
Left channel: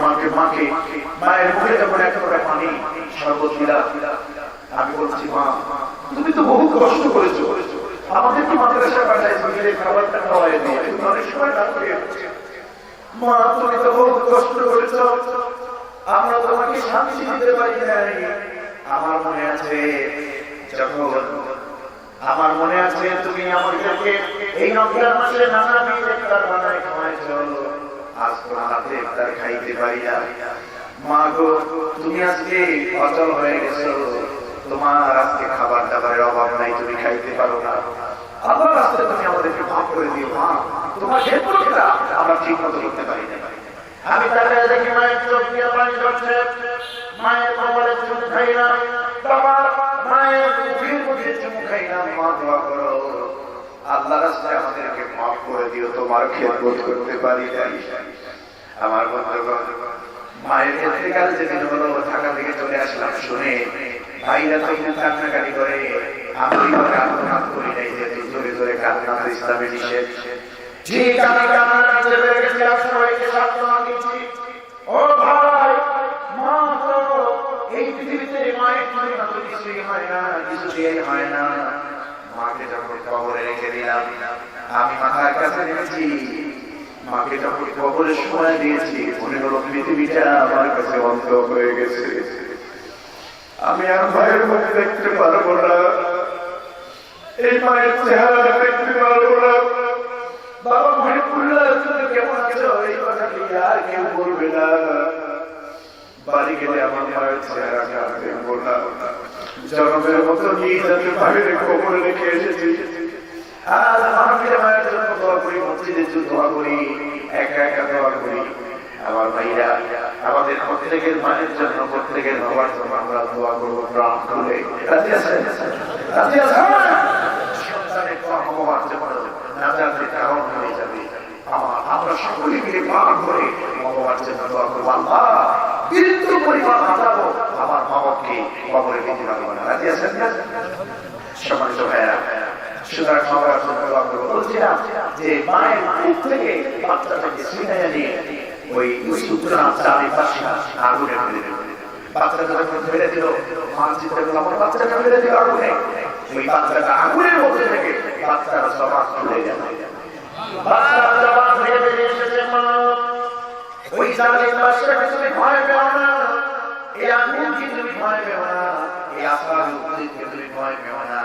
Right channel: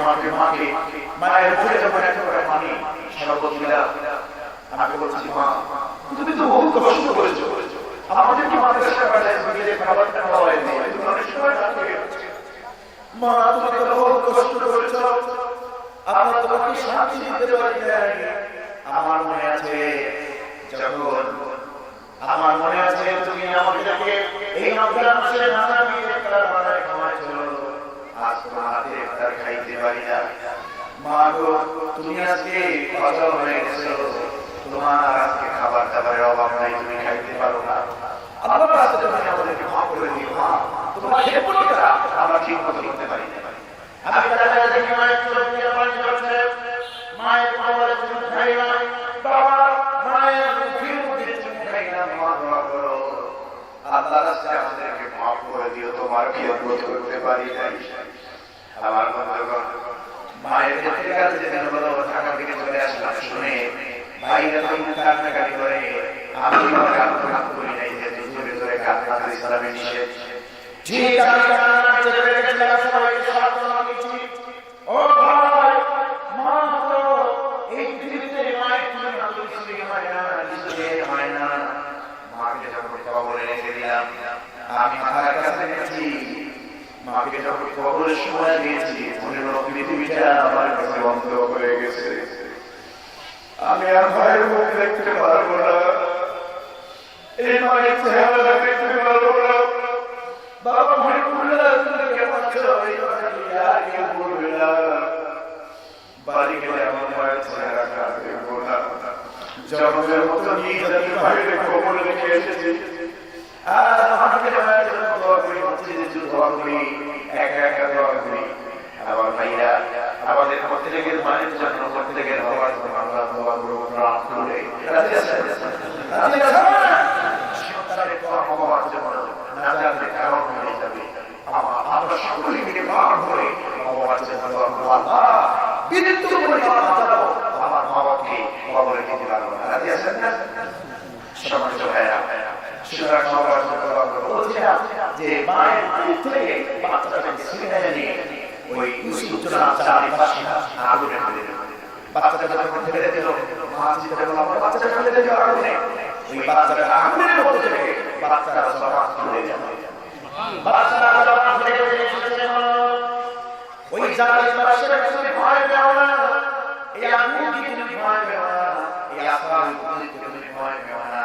মায়ের মুখে যখন একটা করে পানি শরবত দিলাম, আমি বলছি মা তুমি তো বহু কষ্ট করেছো, আমাদের কি মাদ্রাসা পাঠাইছো, বিকেলে খাবারটা খাওয়াইনি, তুমি অনেক সময় ডাক্তার গেছে। মা তুমি তো বহু কষ্ট করেছো, আমরা তোমাকে শান্তি দিতে পারি নাই। আমার মনে আছে তুমি আমাদেরকে এই রমজান মাসে নানা ইফতার বানায় খাওয়াইছো, আজ তোমার হাতে ইফতার খাইতে পারি না। মা গো তুমি আজকে অচল হয়ে গেছো, তোমার আজকে খাবার দাবারের অভাব নাই, তুমি খাইতে পারো না। আল্লাহর রাস্তায় তুমি আমাদেরকে মাফ করে দিও মা, তোমার খেদমতটা আমরা ঠিক মতো করতে পারি না। আমি তাকায় দেখি মায়ের চোখ দিয়ে পানি ঝরছে, মায়ের কপালে চুমু খাই না, বাবা মায়ের মুখের মধ্যে চুমু খাই না। মা দোয়া করো আল্লাহর রাস্তায় আমাদেরকে মাফ করে দিও, তোমার খেদমত করতে পারি নাই। আমার বন্ধুগণ, মায়ের ইন্তেকাল যেদিন হলো ঢাকা থেকে চলে আসলাম শুনে ভাইরা তখন কান্নাকাটি করে, আমি কান্না করি নাই, যেহেতু ধরে ধরে কান্না ইসলামে নিষেধ। ঠিক আমি কান্না করতে পেরে গেছিলাম, সবাইকে সান্ত্বনা দিচ্ছি, ও ভাই মা তো এই পৃথিবীতে মায়ের তুলনা তো কিছুই হয় না, কিছুই হয় না। মাকে যখন কবরে রেখে দিলাম, আমি মাথার কাছে রেখেছি, মাকে যখন কবরের সময় দিয়েছি, মনে হলো পৃথিবীটা আমার কাছে বন্ধ হয়ে গেছে, আমি আর মায়ের মুখ দেখতে পারবো না, এই মায়ের চেহারা দেখতে পারবো না। বাবা ভাই বললো তুমি কেমন আছো, এই কথাটি আর কেউ বলবে না। বাড়ি গেলে আমার মায়ের চেহারাটা দেখবো না, জন্মের মতো নিজের বাইরে কবরে রেখে এসেছি। আর আমাকে মায়ের জন্য দোয়া করি, মসজিদে দোয়া করি, একা একা দোয়া করি। আমার ভাইয়া আমাদের প্রত্যেকের মায়ের জন্য, প্রত্যেকের বাবার জন্য আমরা দোয়া করবো প্রাণ খুলে। রাজি আছেন? রাজি আছেন? সন্তানের দোয়া হওয়ার জন্য না জানলে কারণ হয়ে যাবে। আমরা সকলে মিলে প্রাণ ভরে বাবার জন্য দোয়া করবো, আল্লাহ বিন্দু পরিমাণ আজাবও আমার মা বাবাকে কবরে দিতে পারবো না। রাজি আছেন না? সম্মানিত ভাইয়া, সুতরাং বাবার জন্য দোয়া করবো। বলছিলাম যে মায়ের মুখ থেকে বাচ্চাটাকে ছিনিয়ে নিয়ে ওই উত্তরা চারিপাশে আগুনে ফেলে দেবে। বাচ্চাটা যখন ফেলে দিল, মা চিন্তা করলো আমার বাচ্চাটা ফেলে দিল আগুনে, ওই বাচ্চাটা আগুনের মধ্যে থেকে বাচ্চারা জবাব খুলে যাবে। বাচ্চারা জবাব খুলে এসেছে, ওই জালের বাচ্চারা তুমি ভয় পেও না, এই আগুন দিয়ে তুমি ভয় পেও না, এই আসার উপরে তুমি ভয় পেও না,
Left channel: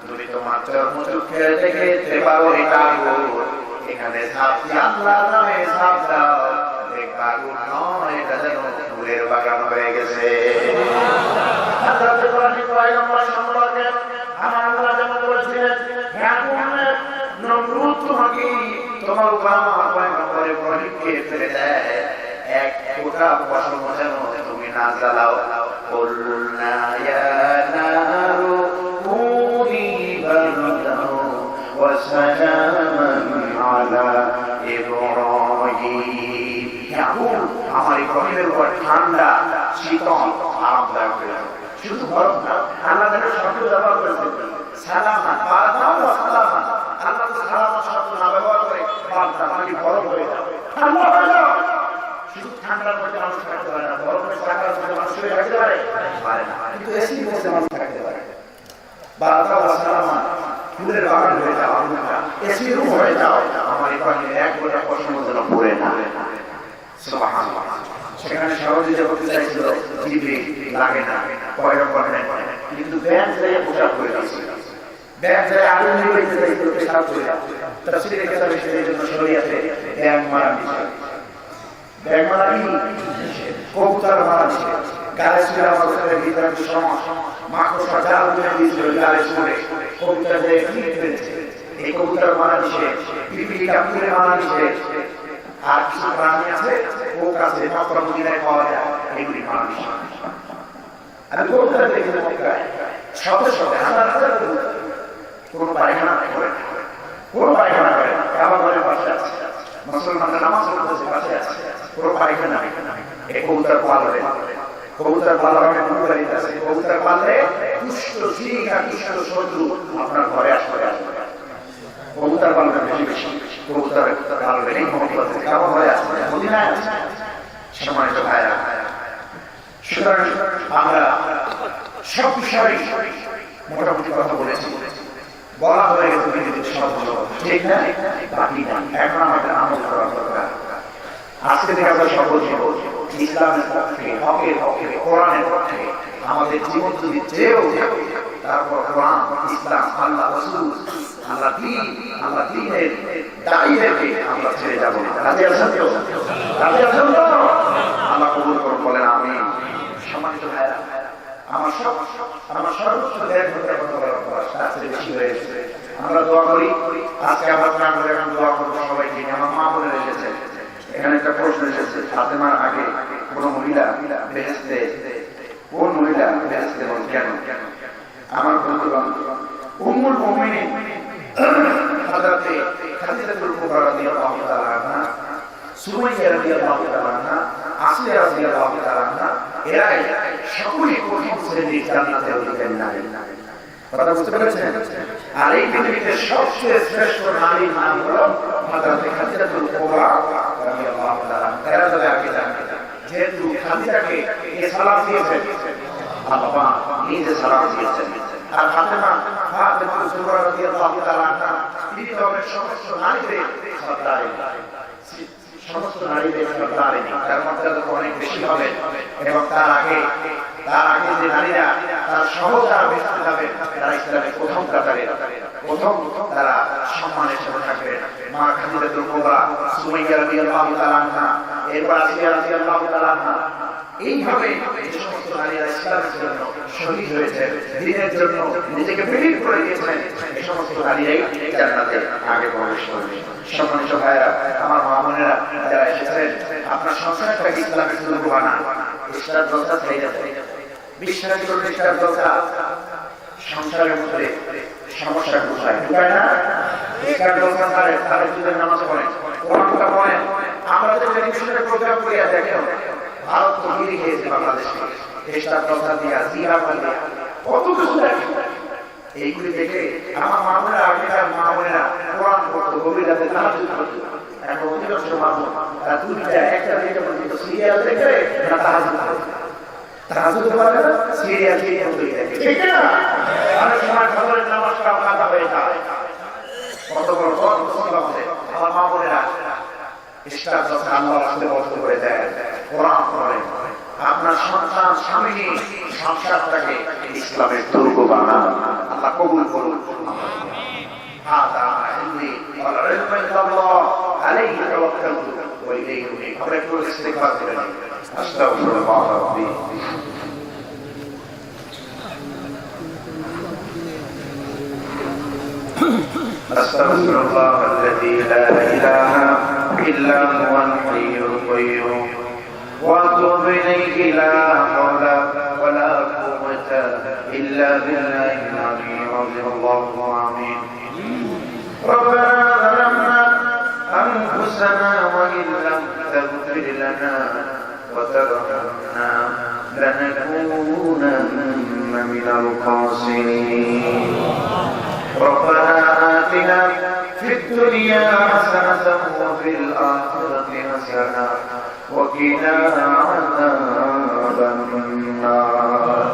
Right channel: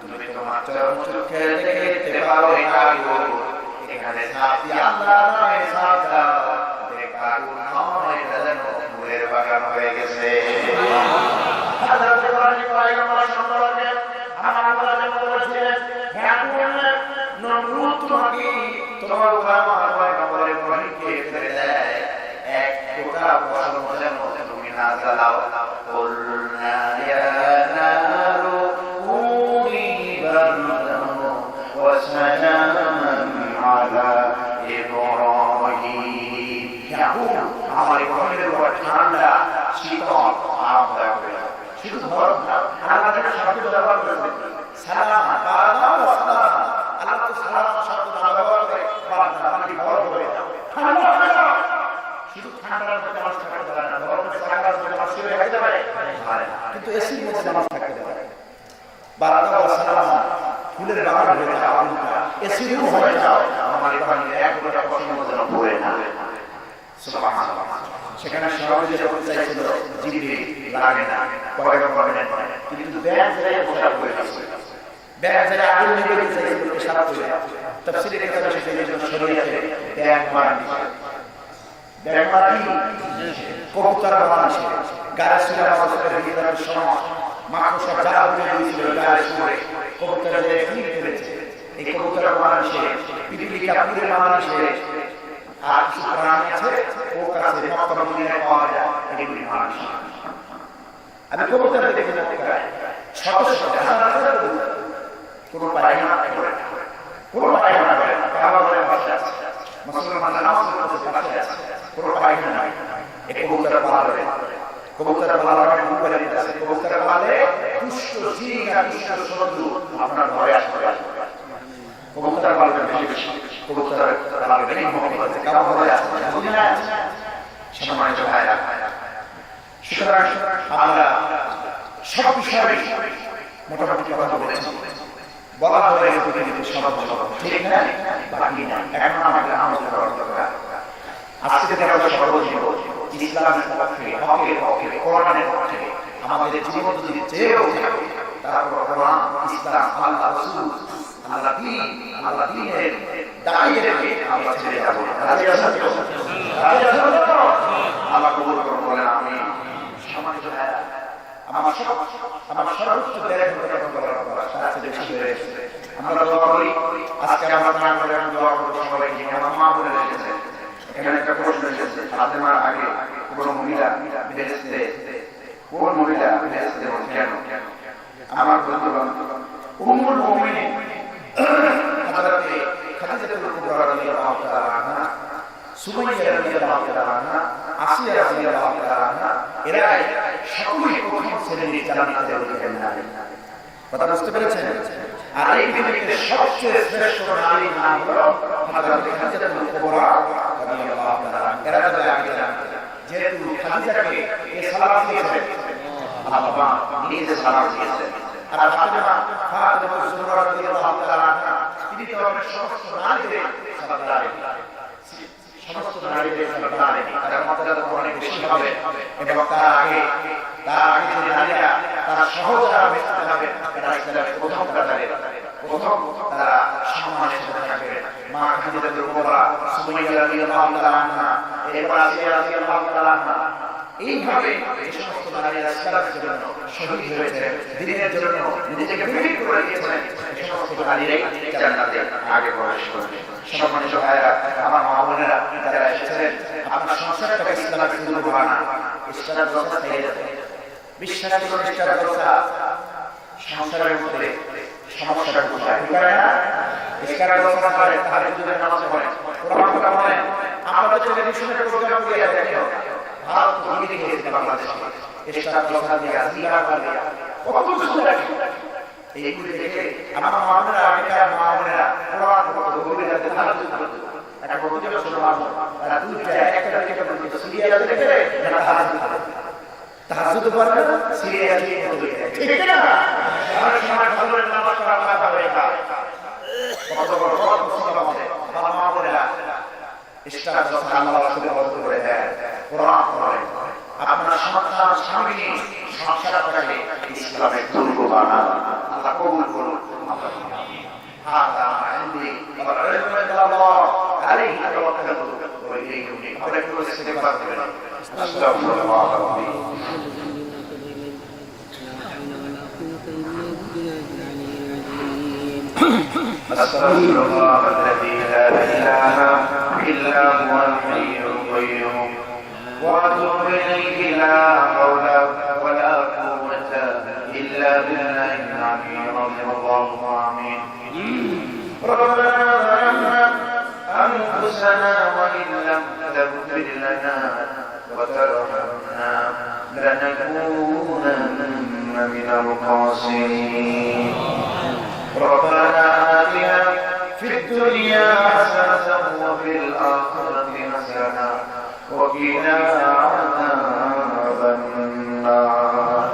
তুমি তোমার চর্মচক্ষে দেখতে পারো এটা আগুন, এখানে সাথী আল্লাহ নামে সাথ দাও, আগুন নয়, এটা যেন ফুলের বাগান হয়ে গেছে। আমার আল্লাহ যেন বলেছিলেন, হে আগুন নমরুদ তোমাকে তোমার পয়গম্বর ইব্রাহিমকে ফেলে দেয়, এক টুকরা পশম যেন তুমি না জ্বালাও। কুলনা ইয়া নারু কুনি বারদান ওয়া সালামান আলা ইব্রাহিম। আমার ইব্রাহিমের উপর ঠান্ডা শীতল আরামদায়ক হয়ে যাবে। শুধু গরম না, আল্লাহ শব্দ ব্যবহার করেছে সালামা, বারদান ওয়া সালামান। আল্লাহ তো সালামা শব্দ না ব্যবহার করে বারদান মানে গরম হয়ে যাবে, ঠান্ডা হয়ে যাবে। শুধু ঠান্ডার মধ্যে মানুষ থাকতে পারে না, গরমের জায়গার মধ্যে মানুষ শুয়ে থাকতে পারে না, কিন্তু এসির মধ্যে মানুষ থাকতে পারে। বারদান ওয়া সালামান ফুলের বাগান হয়ে যাও, আগুনটা এসি রুম হয়ে যাও। আমার ইব্রাহিম এক গোটা পশম যেন পড়ে না। সেখানে সহজে করতে চাইছিল, জিবরিল লাগে না, পয়গম্বর নেন, কিন্তু ব্যাগ যায় পোশাক করে আছে, ব্যাগ যায় আগুন নিয়ে দিতে চাইছিল, পেশাব করে। তাফসীরে কথা হচ্ছে এই জন্য শরীয়তে ব্যাগ মারা নিষেধ। ব্যাগ মারা কি? কবুতর মারা নিষেধ। গায়ে ছিল আমাদের হৃদয়ের সমাজ মাকড়সা যা উঠে দিয়েছিল গায়ে শুনে কবুতর যে ফিট করেছে, এই কবুতর মারা নিষেধ, পিপিলিকা পুরে মারা নিষেধ। আর কিছু প্রাণী আছে ও কাছে মাত্র মদিনায় পাওয়া যায়, এগুলি মানুষ। আমি কবুতর দেখে মক্কায় শত শত হাজার হাজার কবুতর, কোনো পায়খানা করে না, কোনো পায়খানা করে না, কাবা ঘরের পাশে আছে, মুসলমানরা নামাজ পড়তে পাশে আছে, কোনো পায়খানা নাই। এই কবুতর পালবে, কবুতর পালবে কুরবানি আছে, কবুতর পালে দুষ্ট জিন আর দুষ্ট শত্রু আপনার ঘরে আসবে। কবুতর পালবে বেশি বেশি, কবুতর পালবে এই মহব্বত আছে, কাবা ঘরে আসবে বুঝি না। সম্মানিত ভাইরা, সুতরাং আমরা সব বিষয়ে মোটামুটি কথা বলেছি, বলা হয়ে গেছে সব ঠিক না, বাকি না, এখন আমাদের আমল করার দরকার। আজকে থেকে আমরা সর্বজীব ইসলামের পক্ষে, হকের পক্ষে, কোরআনের পক্ষে আমাদের জীবন যদি চেয়েও তারপর কোরআন, ইসলাম, আল্লাহ রাসূল, আল্লাহ দ্বীন, আল্লাহ দ্বীনের দায়ীদেরকে আমরা ছেড়ে যাব না। রাজি আছেন তো? রাজি আছেন তো? আল্লাহ কবুল করুন, বলেন আমিন। সম্মানিত ভাইরা, আমার সর্বোচ্চ দেয় বেশি হয়ে গেছে। আমরা দোয়া করি, আজকে আমরা না করে দোয়া করবো সবাইকে। আমার মা বলে এসেছে, এখানে একটা প্রশ্ন এসেছে, ফাতেমার আগে কোন মহিলা বেহেশতে, কোন মহিলা বেহেশতে কেন? আমার বন্ধুগণ, উম্মুল মুমিনিন হযরতে খাদিজাতুল কুবরা রাদিয়াল্লাহু তাআলা আনহা, সুমাইয়া রাদিয়াল্লাহু তাআলা আনহা, আসিয়া রাদিয়াল্লাহু তাআলা আনহা, এরাই সকলেই প্রথম শ্রেণীর জান্নাতের অধিকারী নারী। কথা বুঝতে পেরেছেন? আর এই পৃথিবীতে সবচেয়ে শ্রেষ্ঠ নারী নাম হলো হযরতে খাদিজাতুল কুবরা রাদিয়াল্লাহু তাআলা আনহা। এরা চলে আগে জানতে, যেহেতু খাদিজাকে এই সালাত দিয়েছেন আল্লাহ, নিজে সালাত দিয়েছেন। আর ফাতেমা যুহরা রাদিয়াল্লাহু তাআলা আনহা, তিনি তো সমস্ত নারীদের সরদারি, সমস্ত নারীদের সরদারি, তার মর্যাদা অনেক বেশি হবে। এবং তার আগে যে নারীরা তার সহজা বেঁচে যাবে, তারা ইসলামের প্রথম কাতারে, প্রথম তারা সম্মানের সাথে থাকবে। মা খাদিজাতুল কুবরা, সুমাইয়া রাদিয়াল্লাহু তাআলা আনহা, এরপর আসিয়া রাদিয়াল্লাহু তাআলা আনহা, এইভাবে এই সমস্ত নারীরা ইসলামের জন্য শহীদ হয়েছে, দ্বীনের জন্য নিজেকে বিলীন করে দিয়েছেন। এই সমস্ত নারীরাই জান্নাতে আগে প্রবেশ করবে। সম্মানিত ভাইরা, আমার মা বোনেরা যারা এসেছেন, আপনার সংসারটাকে ইসলামের শুরু বানা, ইসলাম দোষা ছেড়ে যাবে। বিশ্বাস করুন, ইসলাম দোষা সংসারের মধ্যে সমস্যা কোথায়? ঠিক না? ইসলাম দোষা ছাড়ে তাহলে যদি নামাজ পড়েন, কোরআন পড়েন, আমরা তো টেলিভিশনের প্রোগ্রাম করে দেখেন, ভারত তো দিয়ে দিয়েছে বাংলাদেশকে ইসলাম দোষা দিয়ে, জিয়া বলে কত কিছু দেখে। এইগুলি দেখে আমার মা বোনেরা, আগেকার মা বোনেরা কোরআন পড়তো, গভীর রাতে তাহাজ্জুদ করতো। এখন অধিকাংশ মানুষ তারা দুইটা একটা দেখে সিরিয়াল দেখে না তাহাজ্জুদ করে, তাহাজ্জুদ করে না, সিরিয়াল দিয়ে দেখে, ঠিক না? অনেক সময় ফজরের নামাজটা কাজা হয়ে যায়। কত বড় মুসিবত আছে। আমার মা বোনেরা ইসলাম দোষা আল্লাহ রাসূলের বন্ধ করে দেয়, কোরআন পড়েন। আপনার সন্তান, স্বামী, সংসারটাকে ইসলামের দুর্গ বানান। আল্লাহ কবুল করুন। হাদা ইলমি ওয়াল ইলমু ইল্লাল্লাহ, আলাইহি তাওয়াক্কালতু ওয়া ইলাইহি উনীব। আমরা একটু ইস্তিগফার করেন। আস্তাগফিরুল্লাহ রাব্বি। আস্তাগফিরুল্লাহ আল্লাযী লা ইলাহা ইল্লা হুয়াল হাইয়ুল কাইয়্যুম ওয়া আতুবু ইলাইহি লা হাওলা ওয়া লা কুওয়াতা ইল্লা বিল্লাহিল আলিয়্যিল আযীম। আল্লাহু আমিন। ربنا ظلمنا أنفسنا وإن لم تغفر لنا وترحمنا لنكونن من الخاسرين. ربنا آتنا في الدنيا حسنة وفي الآخرة حسنة وقنا عذاب النار.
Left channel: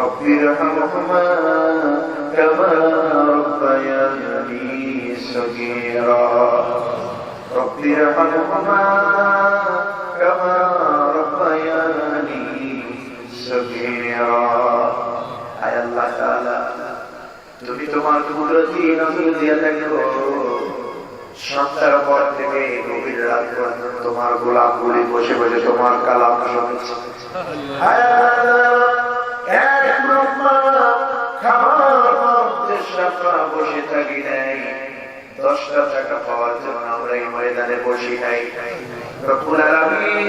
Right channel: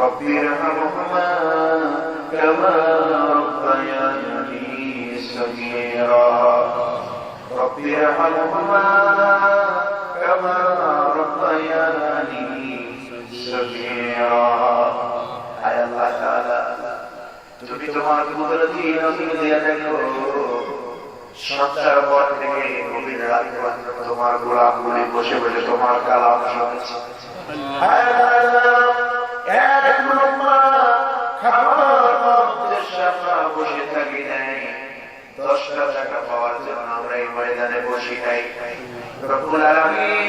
رب ارحمهما كما ربياني صغيرا. رب ارحمهما كما ربياني صغيرا. আয় আল্লাহ তাআলা, তুমি তোমার কুদরতি নজর দিয়ে দেখো, সন্ধ্যার পর থেকে গভীর রাত পর্যন্ত তোমার গোলাপগুলি বসে বসে তোমার কালাম শুনছে। আয় আল্লাহ, এক লোকমা খাবার উদ্দেশ্যে আমরা বসে থাকি নাই, 10টা টাকা পাওয়ার জন্য আমরা এই ময়দানে বসে নাই। রব্বুল আলামিন,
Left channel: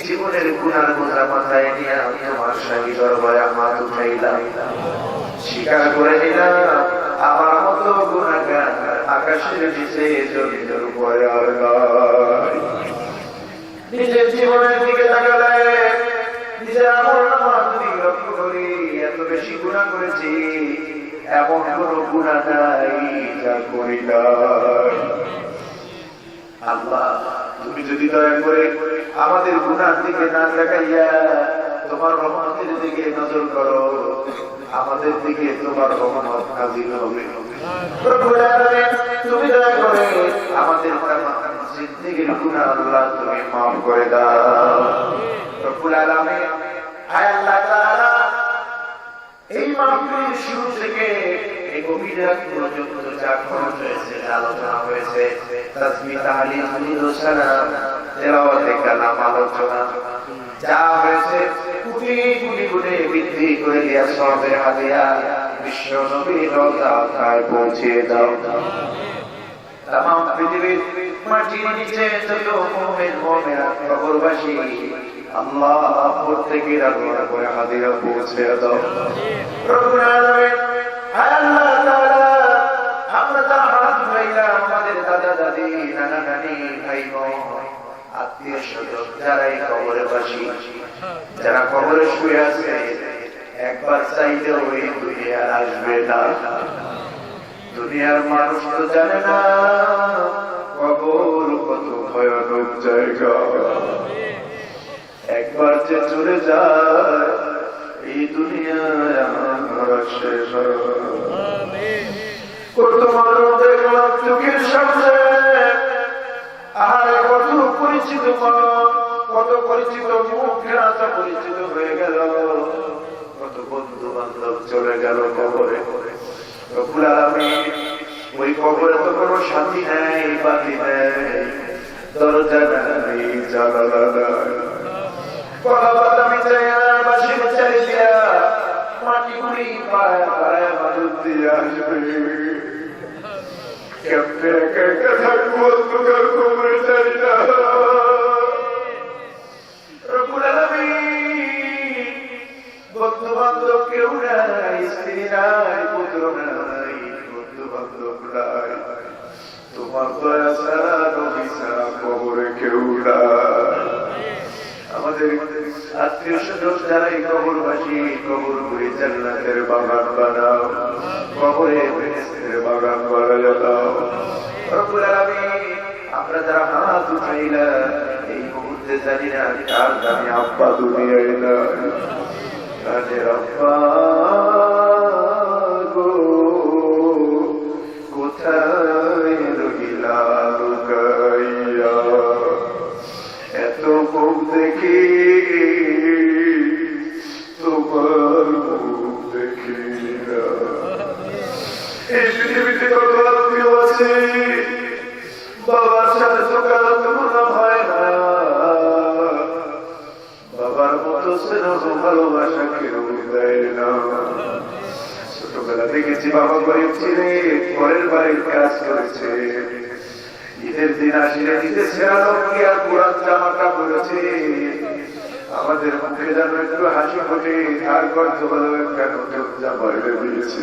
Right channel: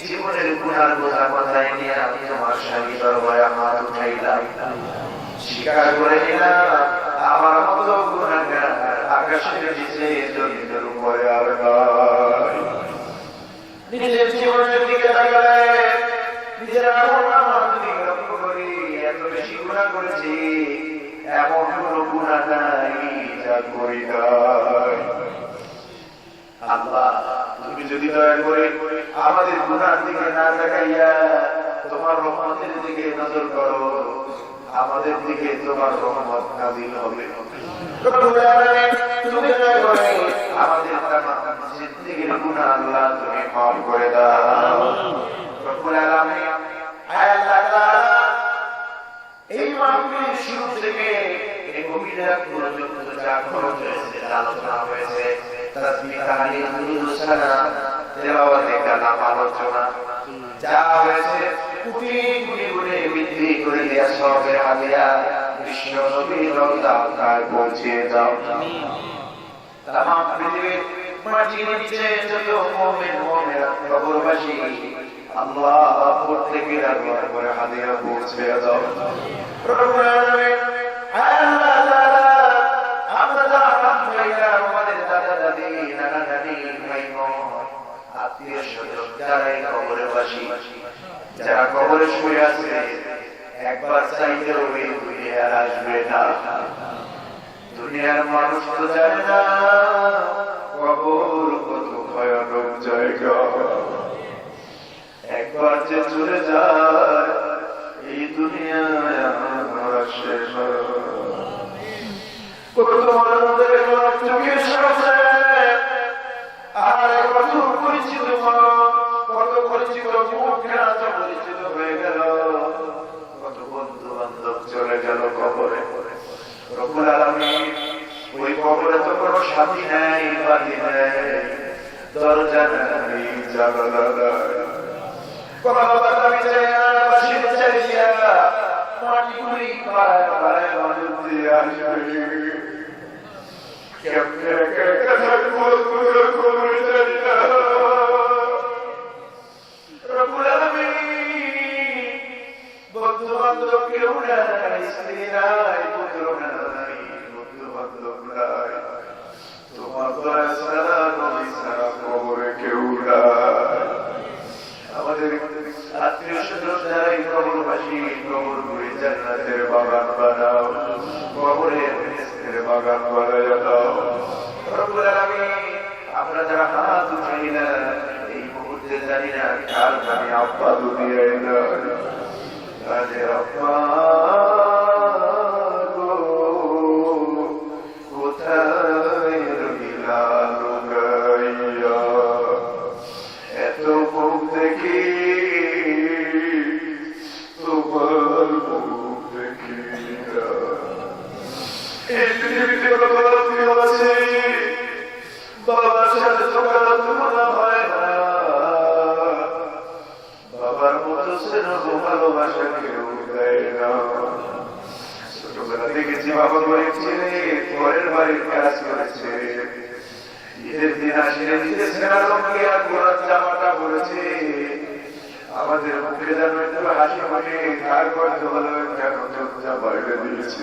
জীবনের গুনার বোঝা মাথায় নিয়ে আমি আমার স্বামী দরবারে আমার উঠাইলাম, স্বীকার করে নিলাম আমার মতো গুনাহগার আকাশের নিচে জমিনের উপরে আর নাই। নিজের জীবনের দিকে তাকালে নিজের আমলনামার দিকে লক্ষ্য করি, এত বেশি গুনাহ করেছি, এমন কোনো গুনাহ নাই যা করি নাই। আল্লাহ, তুমি যদি দয়া করে আমাদের গুনার দিকে না তাকাইয়া তোমার রহমতের দিকে নজর করো, আমাদের দিকে তোমার রহমত নাযিল হবে। রব্বুল আলামিন, তুমি দয়া করে আমাদের জিন্দেগীর গুনাহ আল্লাহ তুমি মাফ করে দাও। রব্বুল আলামিন, আয় আল্লাহ তাআলা, এই মাহফিলের শুরু থেকে এই গভীর রাত পর্যন্ত যা খরচ হয়েছে, আলোচনা হয়েছে, তাসবিহ, তাহলিল, দুরূদ ও সালাম, তেলাওয়াতে কালাম, আলোচনা যা হয়েছে, কোটি কোটি গুণে বৃদ্ধি করে দেয়া সবে হাদিয়া বিশ্ব নবীর রওজায় পৌঁছিয়ে দাও। তামাম পৃথিবীর মাটির নিচে যত মুমিন মুমিনাত কবরবাসী, আল্লাহ প্রত্যেকের আল্লাহ করে হাদিয়া পৌঁছে দাও। রব্বুল আলামিন, আল্লাহ তাআলা, আমরা যারা ভাইরা, আমাদের দাদা দাদি, নানা নানি, ভাই বোন, আত্মীয় স্বজন যারা এই কবরবাসী, যারা কবরে শুয়ে আছে, একবার চাইলেও এই দুনিয়া আসবে না। দুনিয়ার মানুষ তো জানে না কবর কত ভয়ানক জায়গা। একবার যে চলে যায় এই দুনিয়ায় শেষ হয়। কত মানুষ দেখলাম চোখের সামনে, আর কত পরিচিত মানুষ, কত পরিচিত মুখ ফেরাতে পরিচিত হয়ে গেল, কত বন্ধু বান্ধব চলে গেল কবরে। রব্বুল আলামিন, ওই কবরে তো কোনো সাথী নাই, বাড়ি নাই, দরজা নাই, জানালা নাই, আমি চাই না বাসির চাই দিয়া মাটি গুলি পায় পায় মানুষ দিয়ে আসবে। কেমনে একা একা থাকবো, তোমার কবরে চাই না। রব্বুল আলামিন, বন্ধু বান্ধব কেউ নাই, স্ত্রী নাই, পুত্র নাই, বন্ধু বান্ধব নাই, তোমার দয়া ছাড়া নবী ছাড়া কবরে কেউ নাই। আমাদের আত্মীয় স্বজন যারা এই কবরবাসী, কবর করে জান্নাতের বাগান বানাও, কবরে বেহেশতের বাগান বানাইয়া দাও। রব্বুল আলামিন, আমরা যারা হাত উঠাইলাম এই মুহূর্তে জানি না কার জানি আব্বা দুনিয়ায় না, কাজে আব্বা গো কোথায় রহিলা লুকাইয়া, এত মুখ দেখি তোমার মুখ দেখি না। এই পৃথিবীতে কত আত্মীয় আছে, বাবার সাথে সকাল মনে হয় না, বাবার মতো স্নেহ ভালোবাসা কেউ দেয় না। ছোটবেলা দেখেছি বাবা গরিব ছেলে পরের বাড়ির কাজ করেছে, ঈদের দিন আসলে নিজের ছেলেকে আর পুরান জামাটা পড়েছে, আমাদের মুখে যেন একটু হাসি ফুটে, তারপর তো বলো কেন কেউ বাইরে দিয়েছে।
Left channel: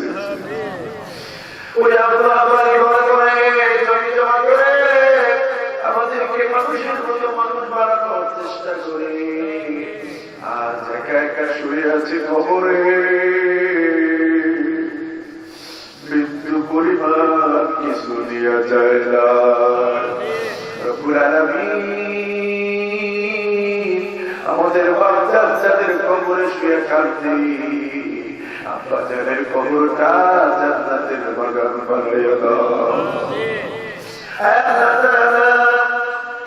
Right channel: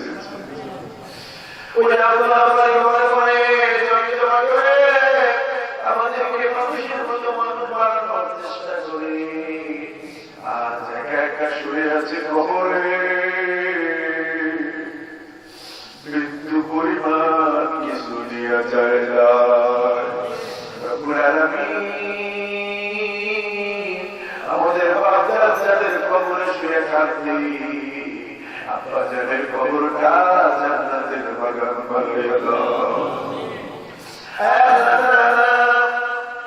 ওই আল্লাহ জমি জমা করে আমাদেরকে মানুষের মতো মানুষ বানানোর চেষ্টা করে আজ একা একা শুয়ে আছে কবরে। মৃত্যু পরিমাণ কিছু দেওয়া যায় না। রব্বুল আলামিন, আমাদের বাচ্চাদের কবরে শুয়ে কাঁদছি, আব্বা জানের কবরটা জান্নাতের বাগান বানাইয়া দাও।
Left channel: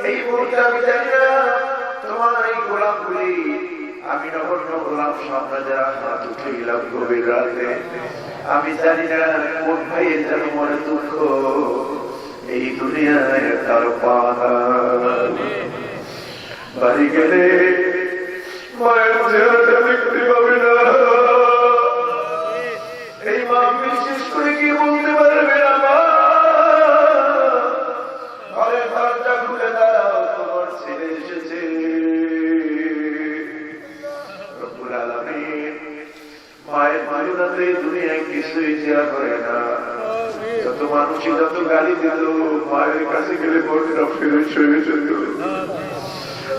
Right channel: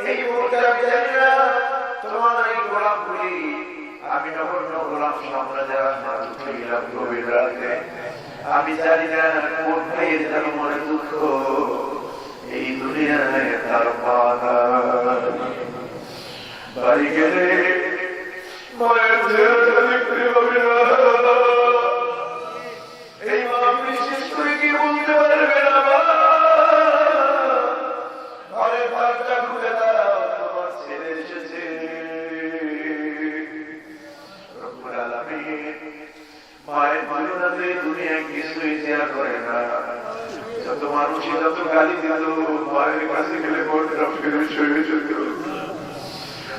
এই মুহূর্তে আমি জানি না তোমার এই গোলাপগুলি আমি নগণ্য গোলাপ সামনে যারা হাত উঠাইলাম গভীর রাতে, আমি জানি না কোন ভাইয়ের যেন মনে দুঃখ এই দুনিয়ায় তার পানা বাড়ি গেলে মায়ের চেহারাটা দেখতে পাবে না। এই মা বিশেষ করে কি বলতে পারবে না, ঘরে ঘরটা ঘুরে দাঁড়াও, তোমার ছেলে এসেছে। রব্বুল আলামিন, মায়ের মায়ুরাতে দুনিয়ায় কিছুই দেয়া করে না। মানুষই যত গালি দিল, মায়ের কাছে গেলে বোনটা ফিরে সরে যেত।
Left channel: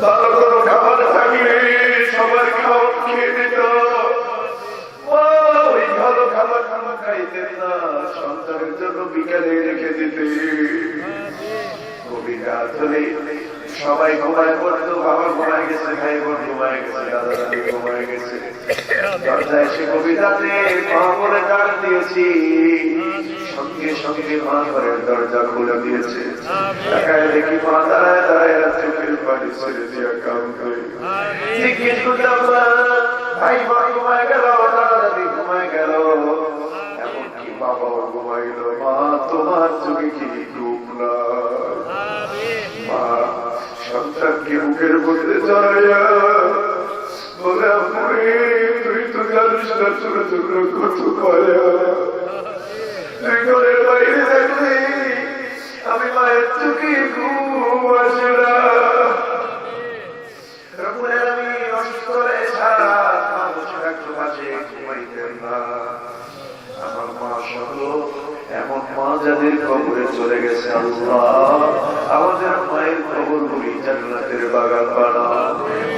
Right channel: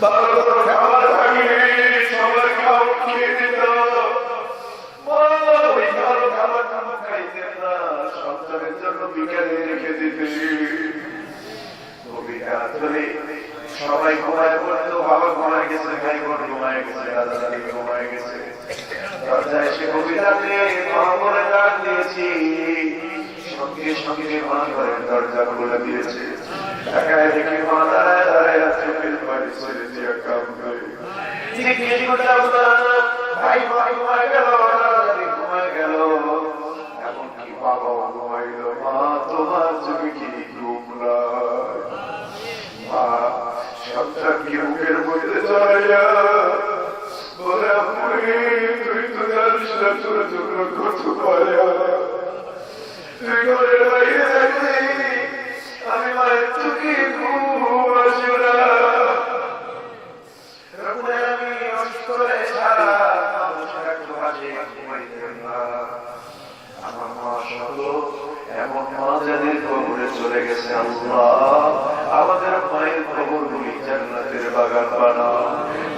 ভালো কোনো খাবার থাকলে সবার খাওয়া খেয়ে দিত, ওই ভালো খাবার খাইতেন না, সন্তানের জন্য বিকালে রেখে দিতে। সবাই ঘুমায় পড়তো, বাবা ঘুমায় গেছে, ভাই বোন ঘুমায় গেছে, দাদা দাদি ঘুমায় গেছে। দরজায় এসে কবিতাতে মামুরে ডাক দিয়েছি, সঙ্গে সঙ্গে মা ঘরের দরজা খুলে দিয়েছে। দেখি মা দাঁড়ায় দাঁড়ায় চোখের পানি ছেড়ে দিয়ে কাম করে জিজ্ঞেস করলাম না, ভাই মা ঘুমায় গেল, দাদি ঘুমায় গেল, এমনকি বাবাও ঘুমায় গেল, মা তোমার চোখে কি ঘুম না? মা সন্তানকে মুখের মধ্যে চড়াইয়া বলে, তুই তো জানিস না ছোট ছোট কত পায়া, তুই ঘরের বাইরে থাকবি, আমি মায়ের চোখে ঘুম আসে না। আমি অসুস্থ হয়ে সারা একটু বাজে ঘুমাইতেন না। আমার মা সহ এমন মা যাদের কবরে চলে গেছে, আল্লাহ আমাদের মায়ের কবর গুলি জান্নাতের বাগান বানাও।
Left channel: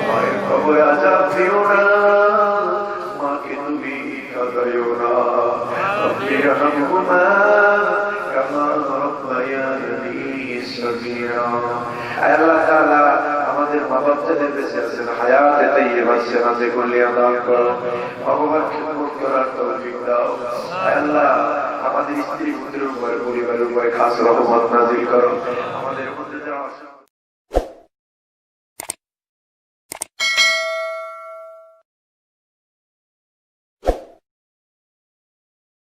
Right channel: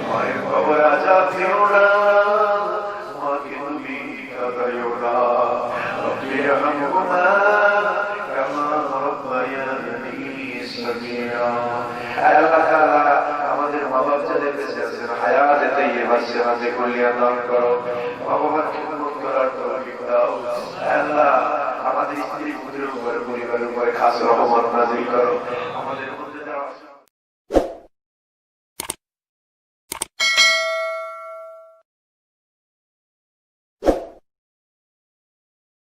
মায়ের কবর আজাব দিও না, মাকে তুমি কাঁদাইও না। আমাদের মা বাপ যাদের বেঁচে আছেন, হায়াতে তাইয়্যিবা সেহাতে কলিয়া দান করো, ভগবান খেদমত করার তৌফিক দাও। আল্লাহ আমাদের স্ত্রী পুত্রের উপর, পরিবারের উপর খাস রহমত নাযিল করো।